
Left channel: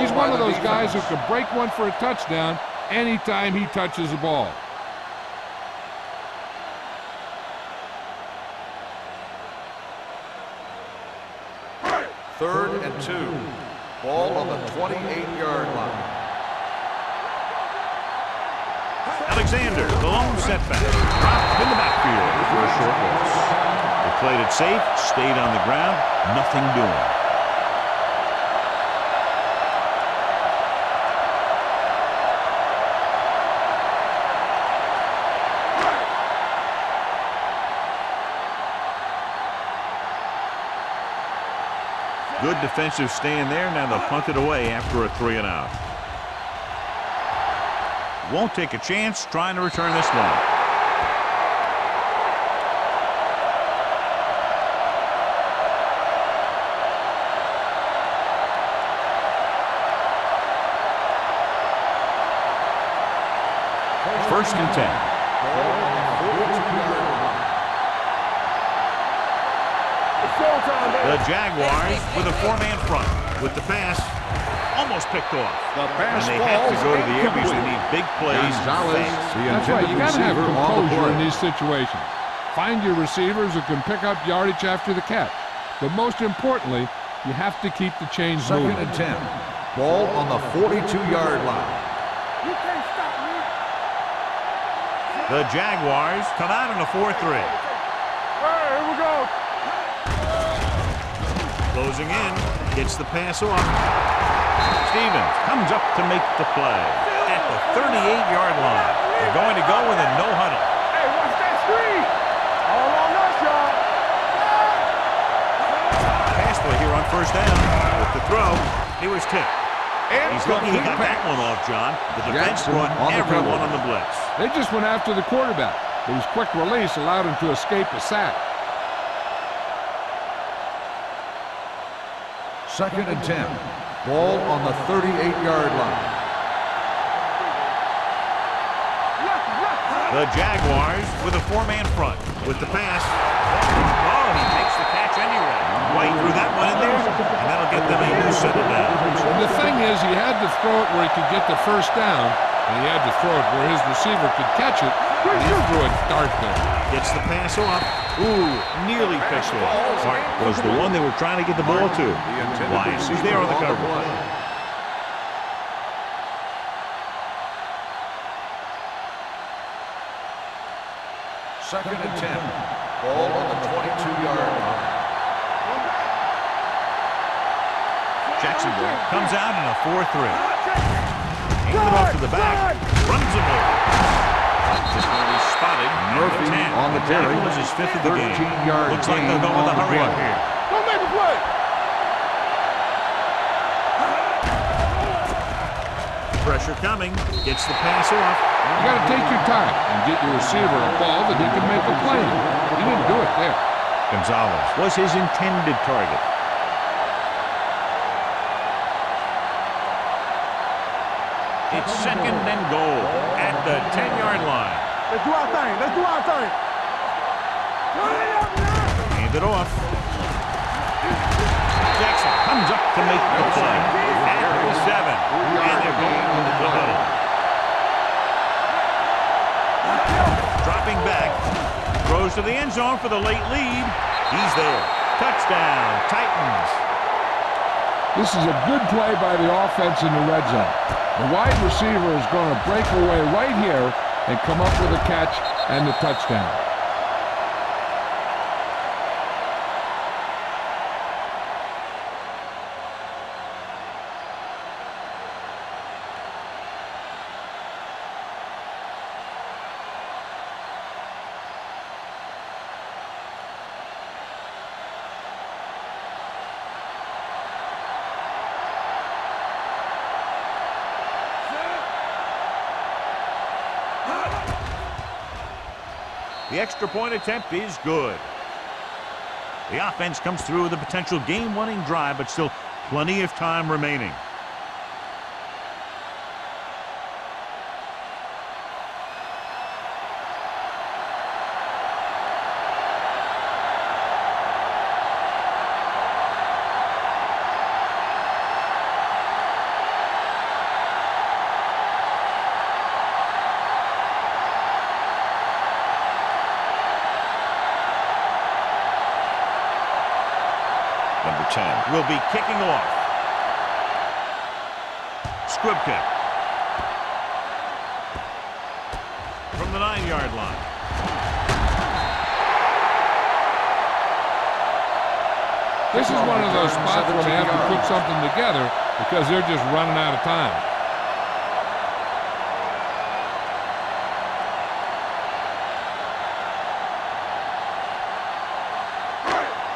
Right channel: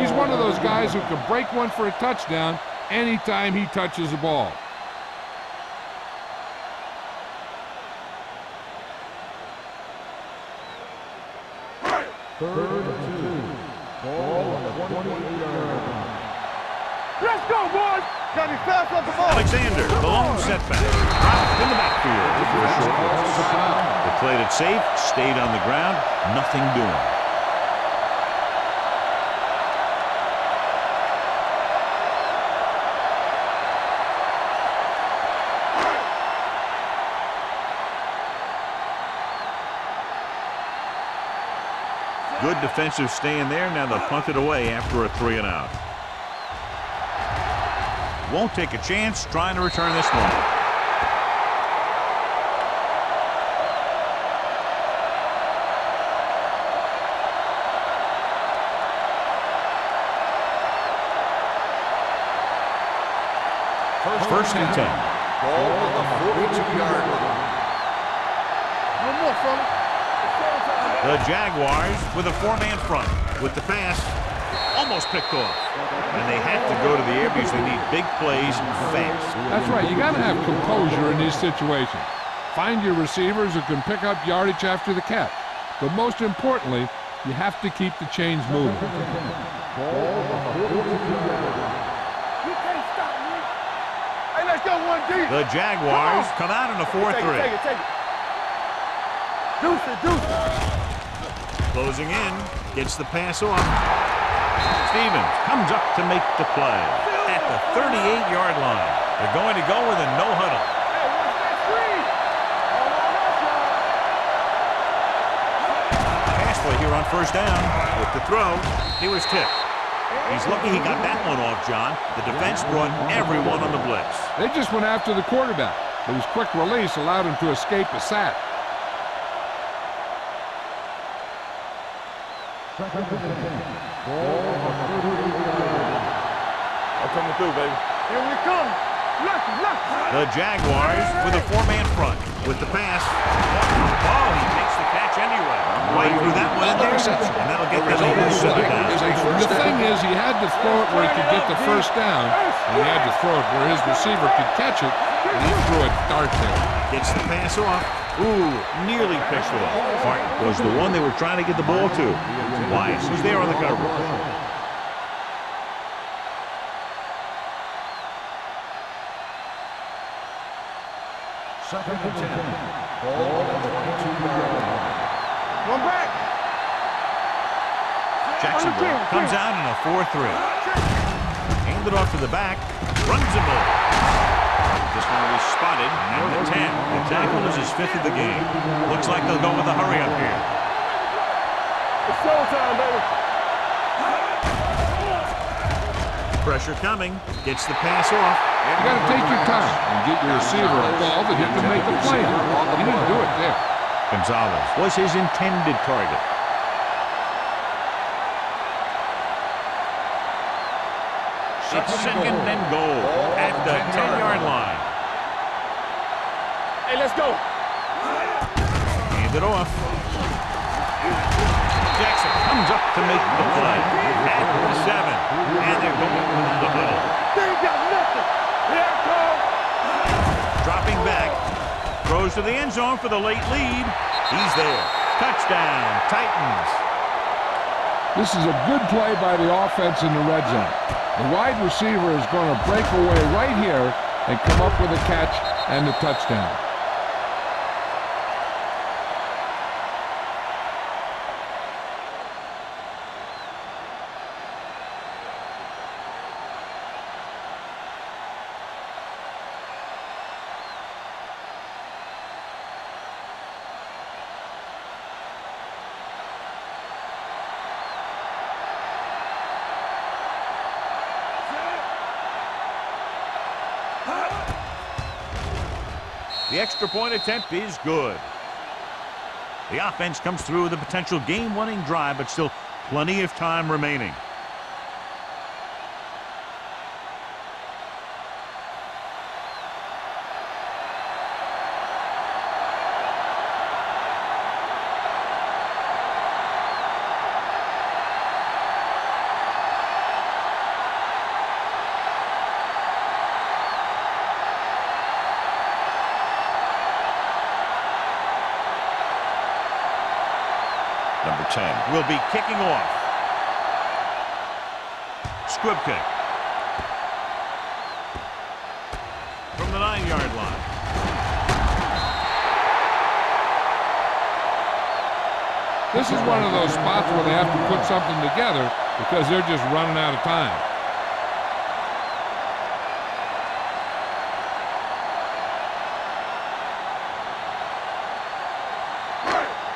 He's one of those guys who can break one for a touchdown anytime he touches the ball. Third and 2. Ball on the 28-yard line. Let's go, boys! Alexander, the lone setback, dropped in the backfield for a short loss. They played it safe, stayed on the ground, nothing doing. Good defensive stand there. Now they'll punt it away after a 3-and-out. Won't take a chance trying to return this one. First and 10. Ball on the 42-yard line. The Jaguars with a 4-man front with the pass almost picked off. And they have to go to the air because they need big plays fast. That's right. You got to have composure in these situations. Find your receivers who can pick up yardage after the catch. But most importantly, you have to keep the chains moving. Second and 10. Ball on the 42-yard line. You can't stop me. Hey, let's go, 1-3. The Jaguars come out in a 4-3. Take it. All right, here we go. Deuce it. Closing in, gets the pass off. Stevens comes up to make the play at the 38-yard line. They're going to go with a no huddle. Hey, watch that screen. All on us, y'all. Pass play here on first down. With the throw, he was tipped. He's lucky he got that one off, John. The defense brought everyone on the blitz. They just went after the quarterback, but his quick release allowed him to escape a sack. Second and 10. Ball on the 38-yard line. Coming through, baby. Here we come. Left. The Jaguars with a 4-man front with the pass. Oh, he makes the catch anyway. White threw that one in there, and that'll get them a new set of downs. The thing is, he had to throw it where he could get the first down, and he had to throw it where his receiver could catch it, and he threw a dart there. Gets the pass off. Ooh, nearly picked off. Hart was the one they were trying to get the ball to. Wise was there on the coverage. Second and 10. Ball on the 22-yard line. One back. Jacksonville comes out in a 4-3. Handed off to the back. Runs him over. This one will be spotted at the 10. The tackle is his 5th of the game. Looks like they'll go with a hurry up here. Don't make a play. It's showtime, baby. Pressure coming. Gets the pass off. You got to take your time and get your receiver a ball that he can make a play on. He didn't do it there. Gonzalez was his intended target. It's second and goal at the 10-yard line. Let's do our thing. Hey, let's go. Hand it off. Jackson comes up to make the play at the 7. And they're going with the huddle. Dropping back. Throws to the end zone for the late lead. He's there. Touchdown, Titans. This is a good play by the offense in the red zone. The wide receiver is going to break away right here and come up with a catch and the touchdown. The extra point attempt is good. The offense comes through with a potential game-winning drive, but still plenty of time remaining. number 10, will be kicking off. Squib kick. From the 9-yard line. This is one of those spots where they have to put something together because they're just running out of time.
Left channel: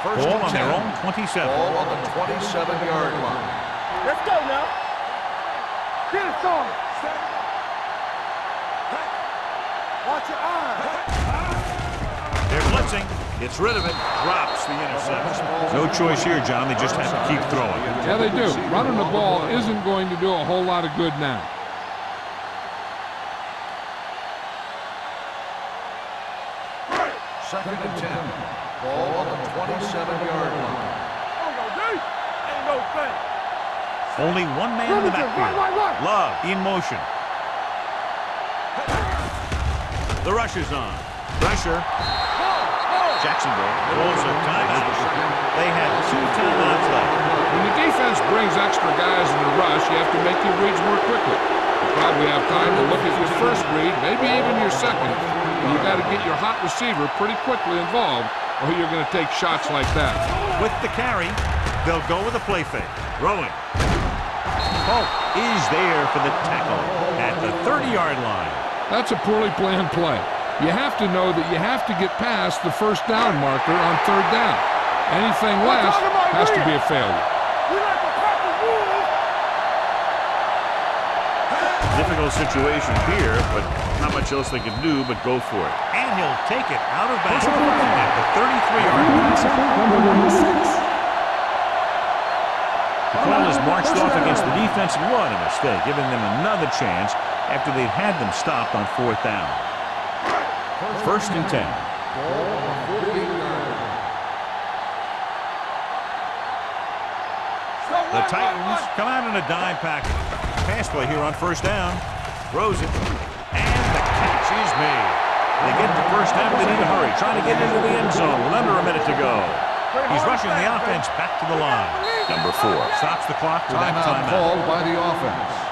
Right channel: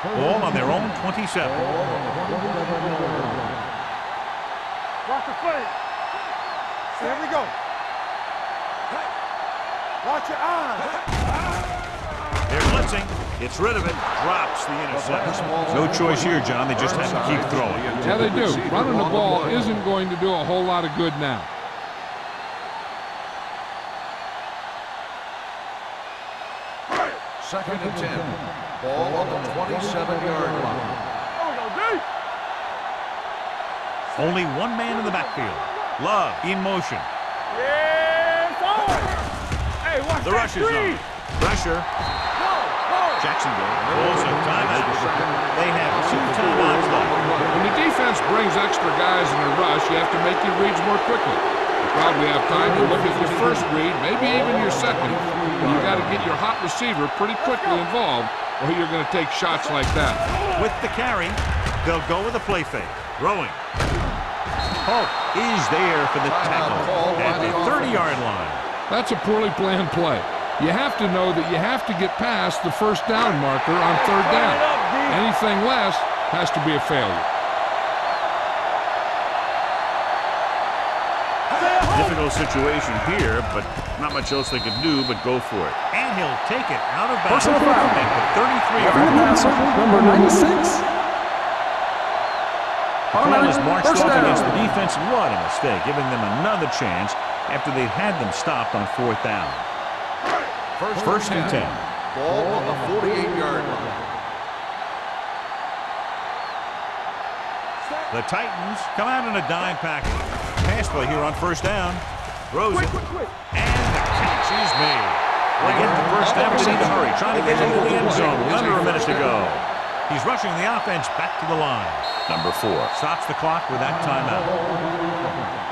Ball on their own 27. Ball on the 27-yard line. Let's go now. Watch the play. Get it going. There we go. Hey. Watch your eyes. They're blitzing. Gets rid of it. Drops the interception. No choice here, John. They just have to keep throwing. Yeah, they do. Running the ball isn't going to do a whole lot of good now. Second and 10. Ball on the 27-yard line. There we go, D. Ain't no thing. Only one man in the backfield. Love in motion. The rush is on. Pressure. Jacksonville calls a timeout. They have 2 timeouts left. When the defense brings extra guys in the rush, you have to make your reads more quickly. You probably have time to look at your first read, maybe even your second, and you got to get your hot receiver pretty quickly involved, or you're going to take shots like that. With the carry, they'll go with a play fake. Throwing. Polk is there for the tackle at the 30-yard line. That's a poorly planned play. You have to know that you have to get past the first down marker on 3rd down. Anything less has to be a failure. Difficult situation here, but not much else they can do but go for it. And he'll take it out of bounds at the 33-yard line. Number 96. The call is marched off against the defense, and what a mistake, giving them another chance after they'd had them stopped on 4th down. First and 10. Ball on the 48-yard line. The Titans come out in a dime package. Pass play here on 1st down. Throws it. And the catch is made. They get the first down, but they need to hurry. Trying to get into the end zone with under a minute to go. He's rushing the offense back to the line. Number 4 stops the clock with that timeout. Called by the offense.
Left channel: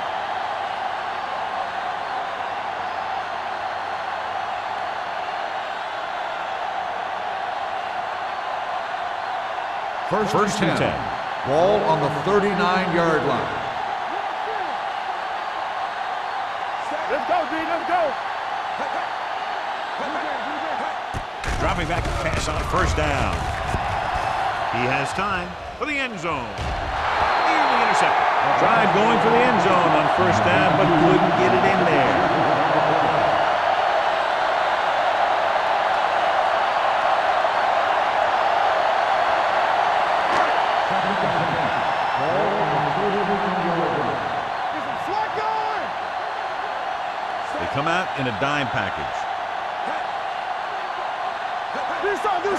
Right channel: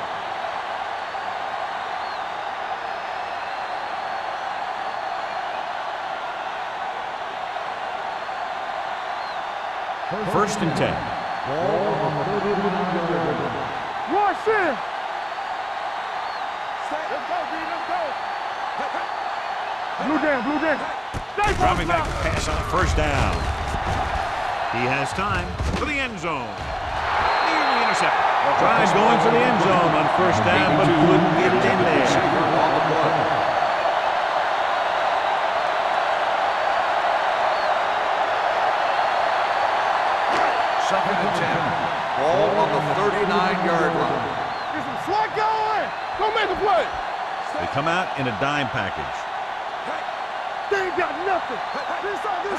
First and 10. Ball on the 39-yard line. Watch it. Let's go, D. Let's go. Blue jam. Dropping back to pass on 1st down. He has time for the end zone. Nearly intercepted. Tried going for the end zone on 1st down, but couldn't get it in there. Second and 10. Ball on the 39-yard line. Get some swat going. Go make a play. They come out in a dime package. They ain't got nothing. Do something.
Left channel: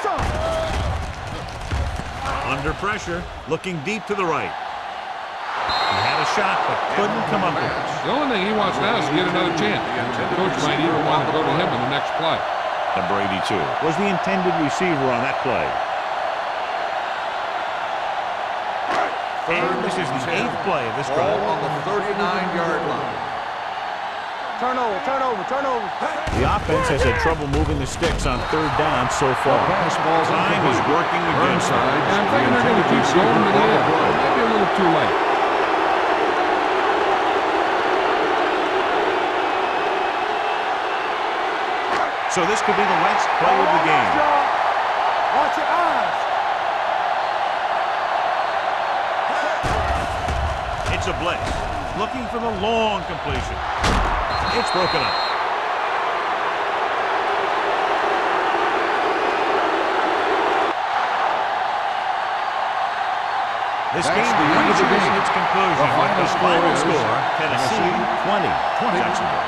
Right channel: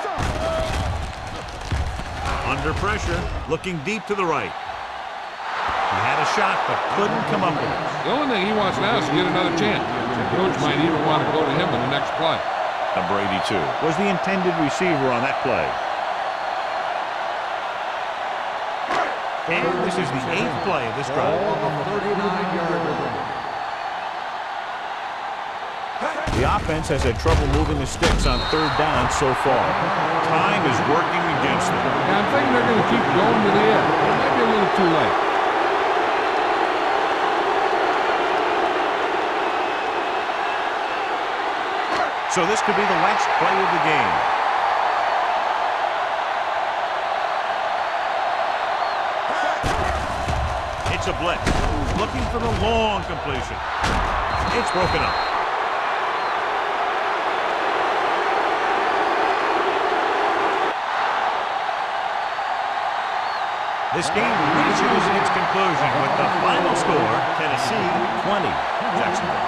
Under pressure, looking deep to the right. He had a shot, but couldn't come up with it. The only thing he wants now is to get another chance. The coach might even want to go to him in the next play. Number 82 was the intended receiver on that play. And this is the 8th play of this drive. Ball on the 39-yard line. Turnover. The offense has had trouble moving the sticks on 3rd down so far. Time is working against them. Yeah, I'm thinking they're going to keep going to the end. It might be a little too late. So this could be the last play of the game. Watch your eyes. It's a blitz. Looking for the long completion. It's broken up. This game reaches its conclusion with the final score, Tennessee 20, Jacksonville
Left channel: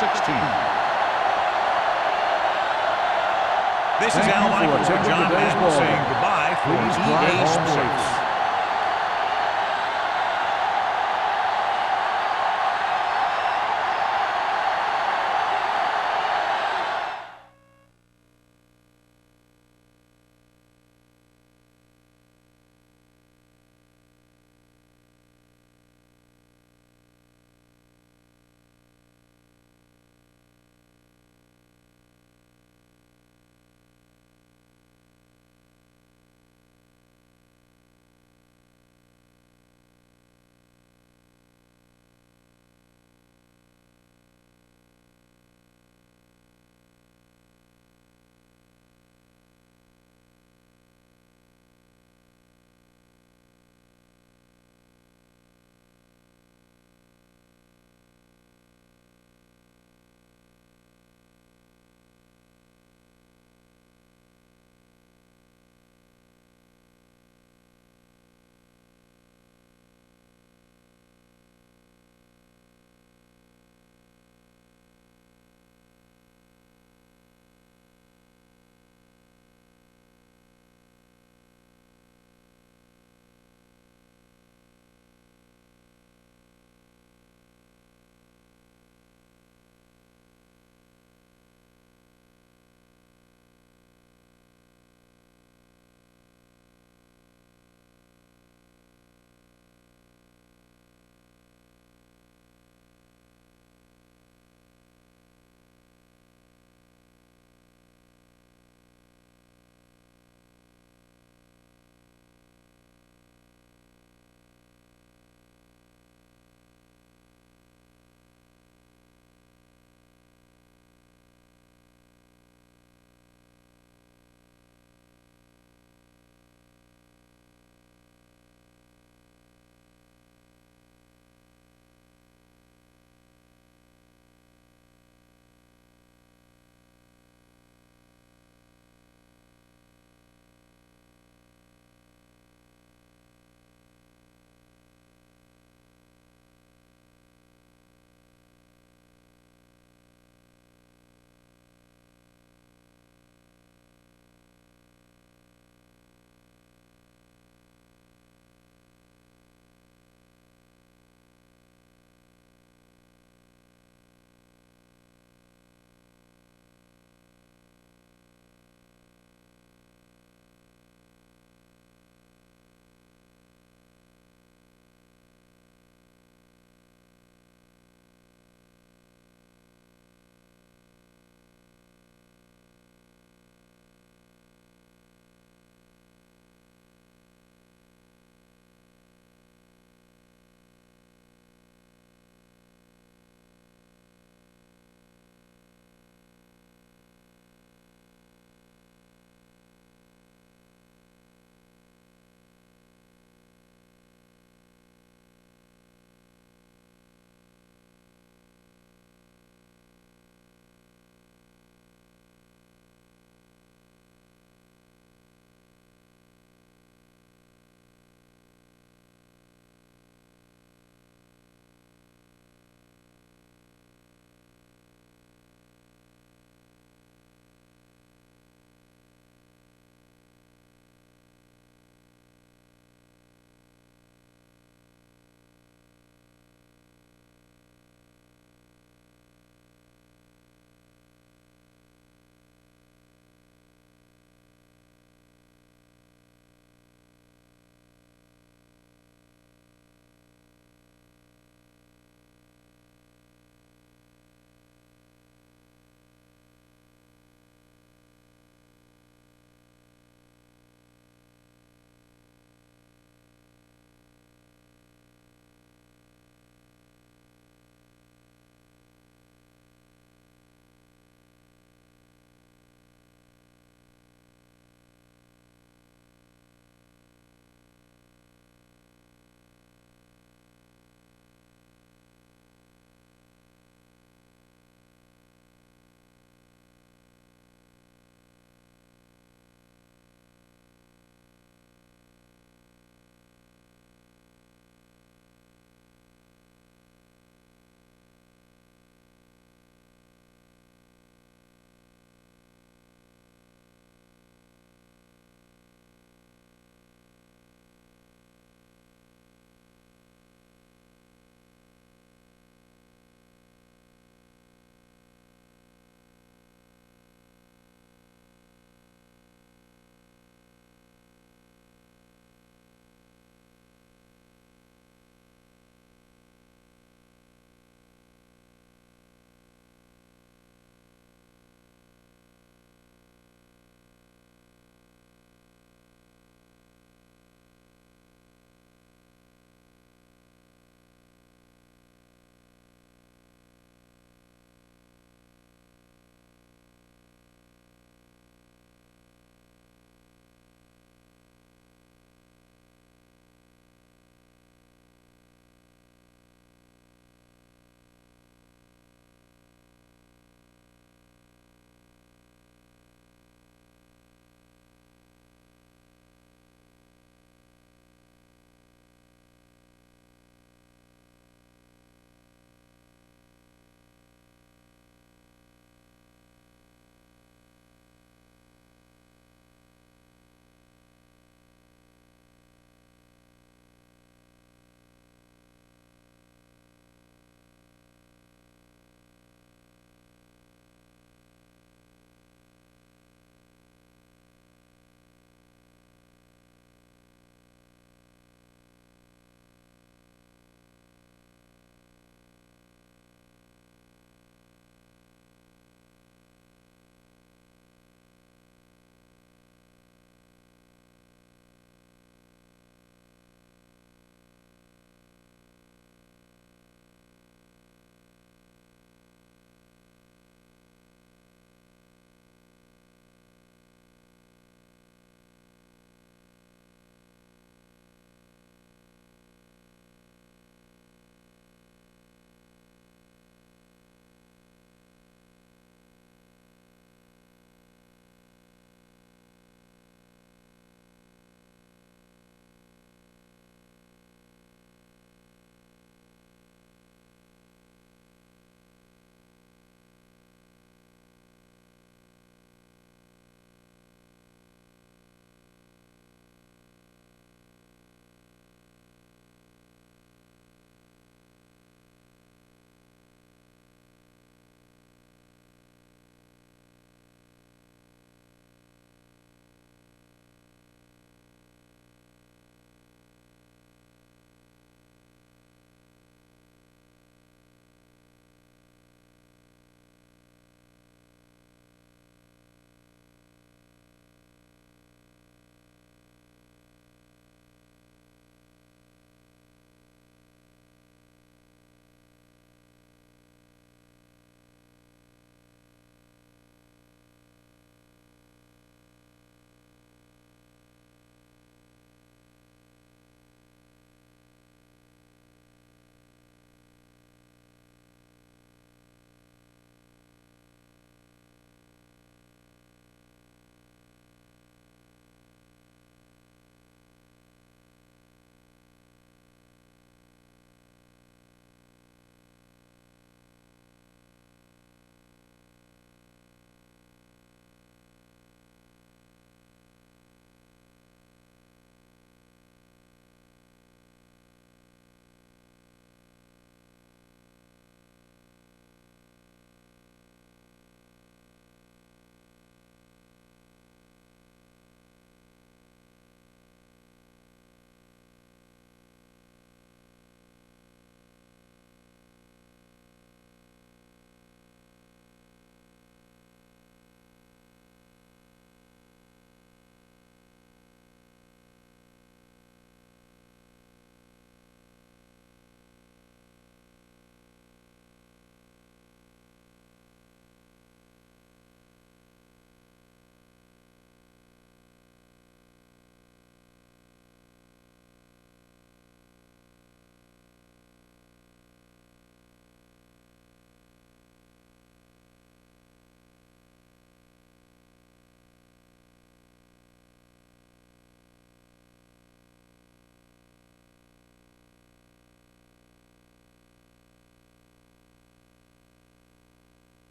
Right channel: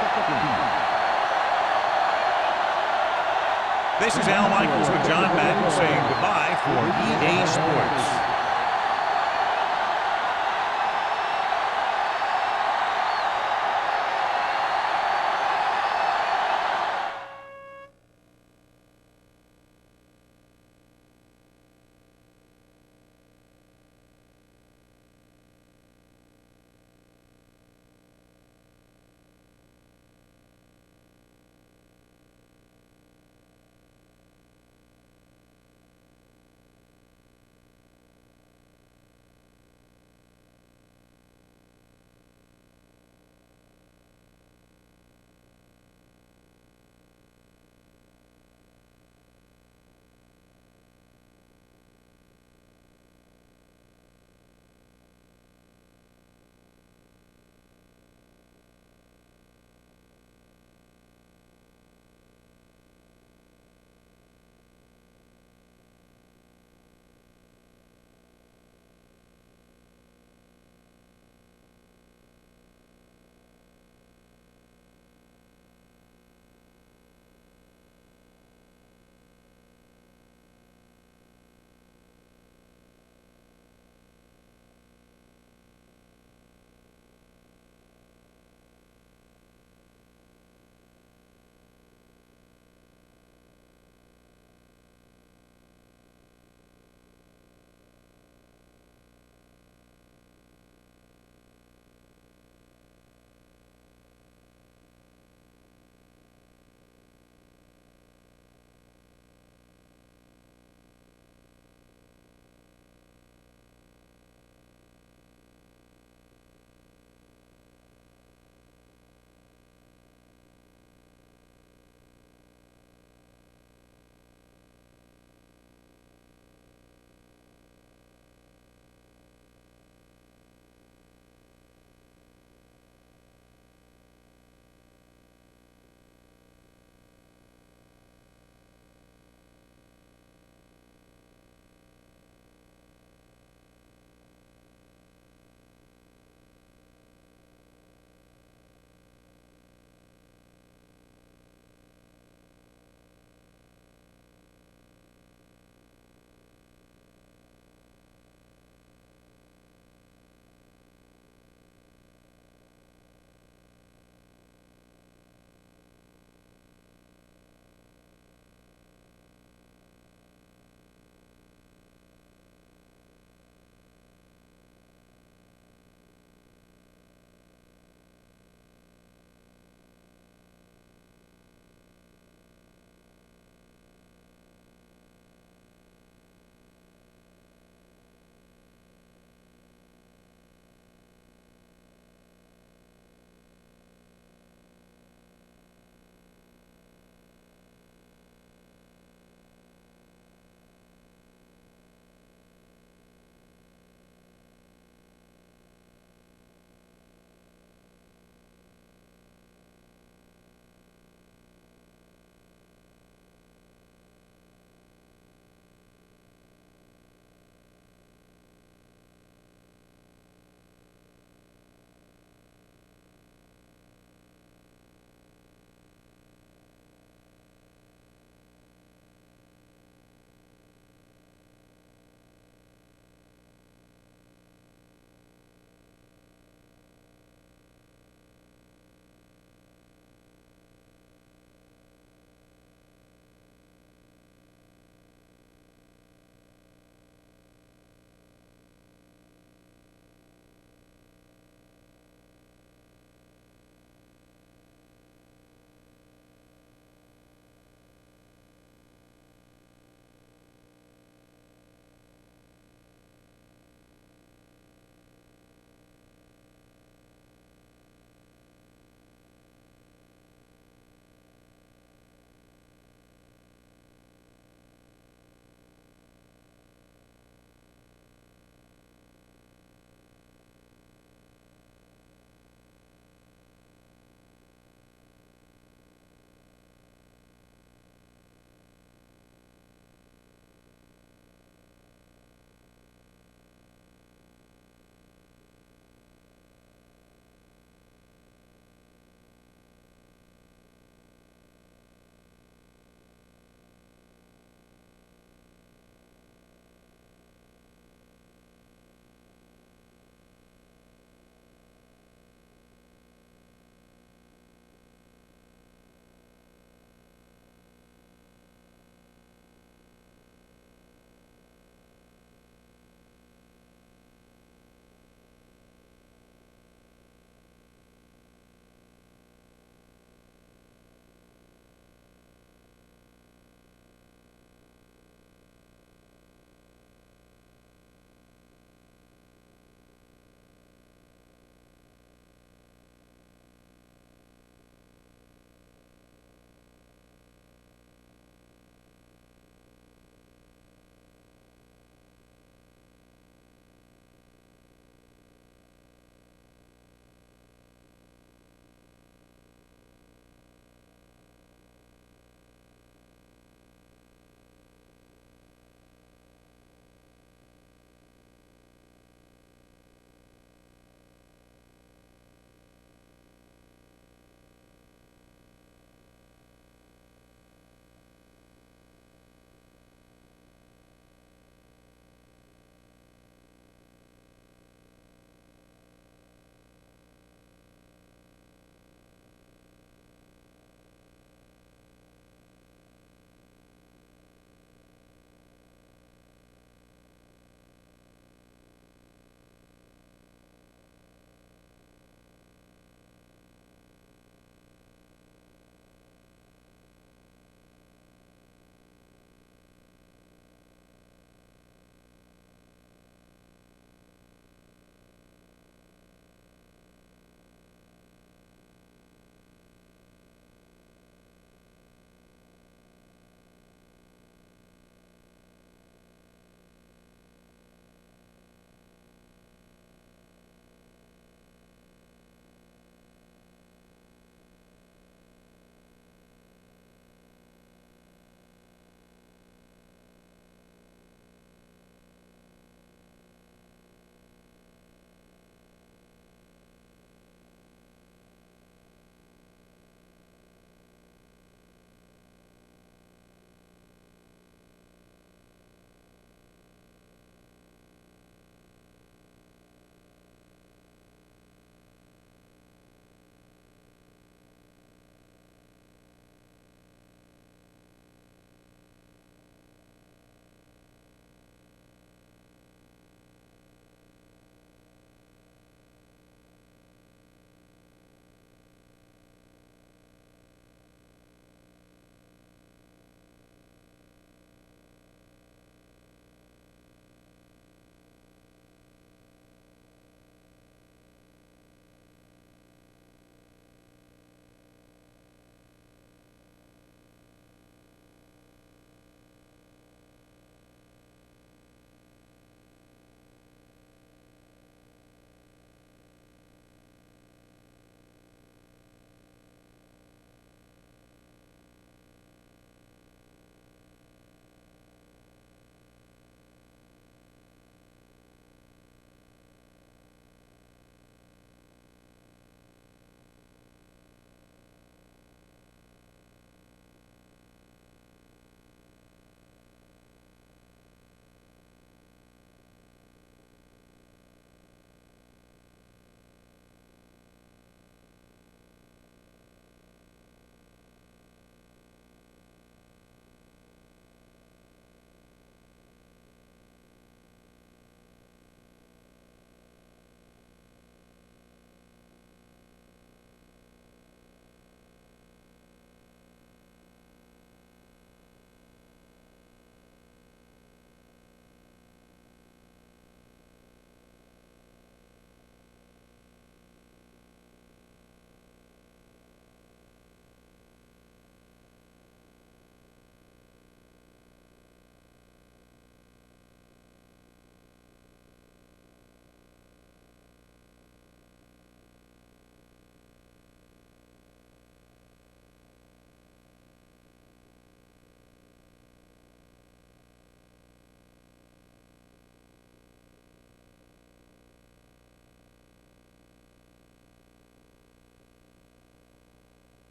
16. This is Al Michaels with John Madden saying goodbye for EA Sports.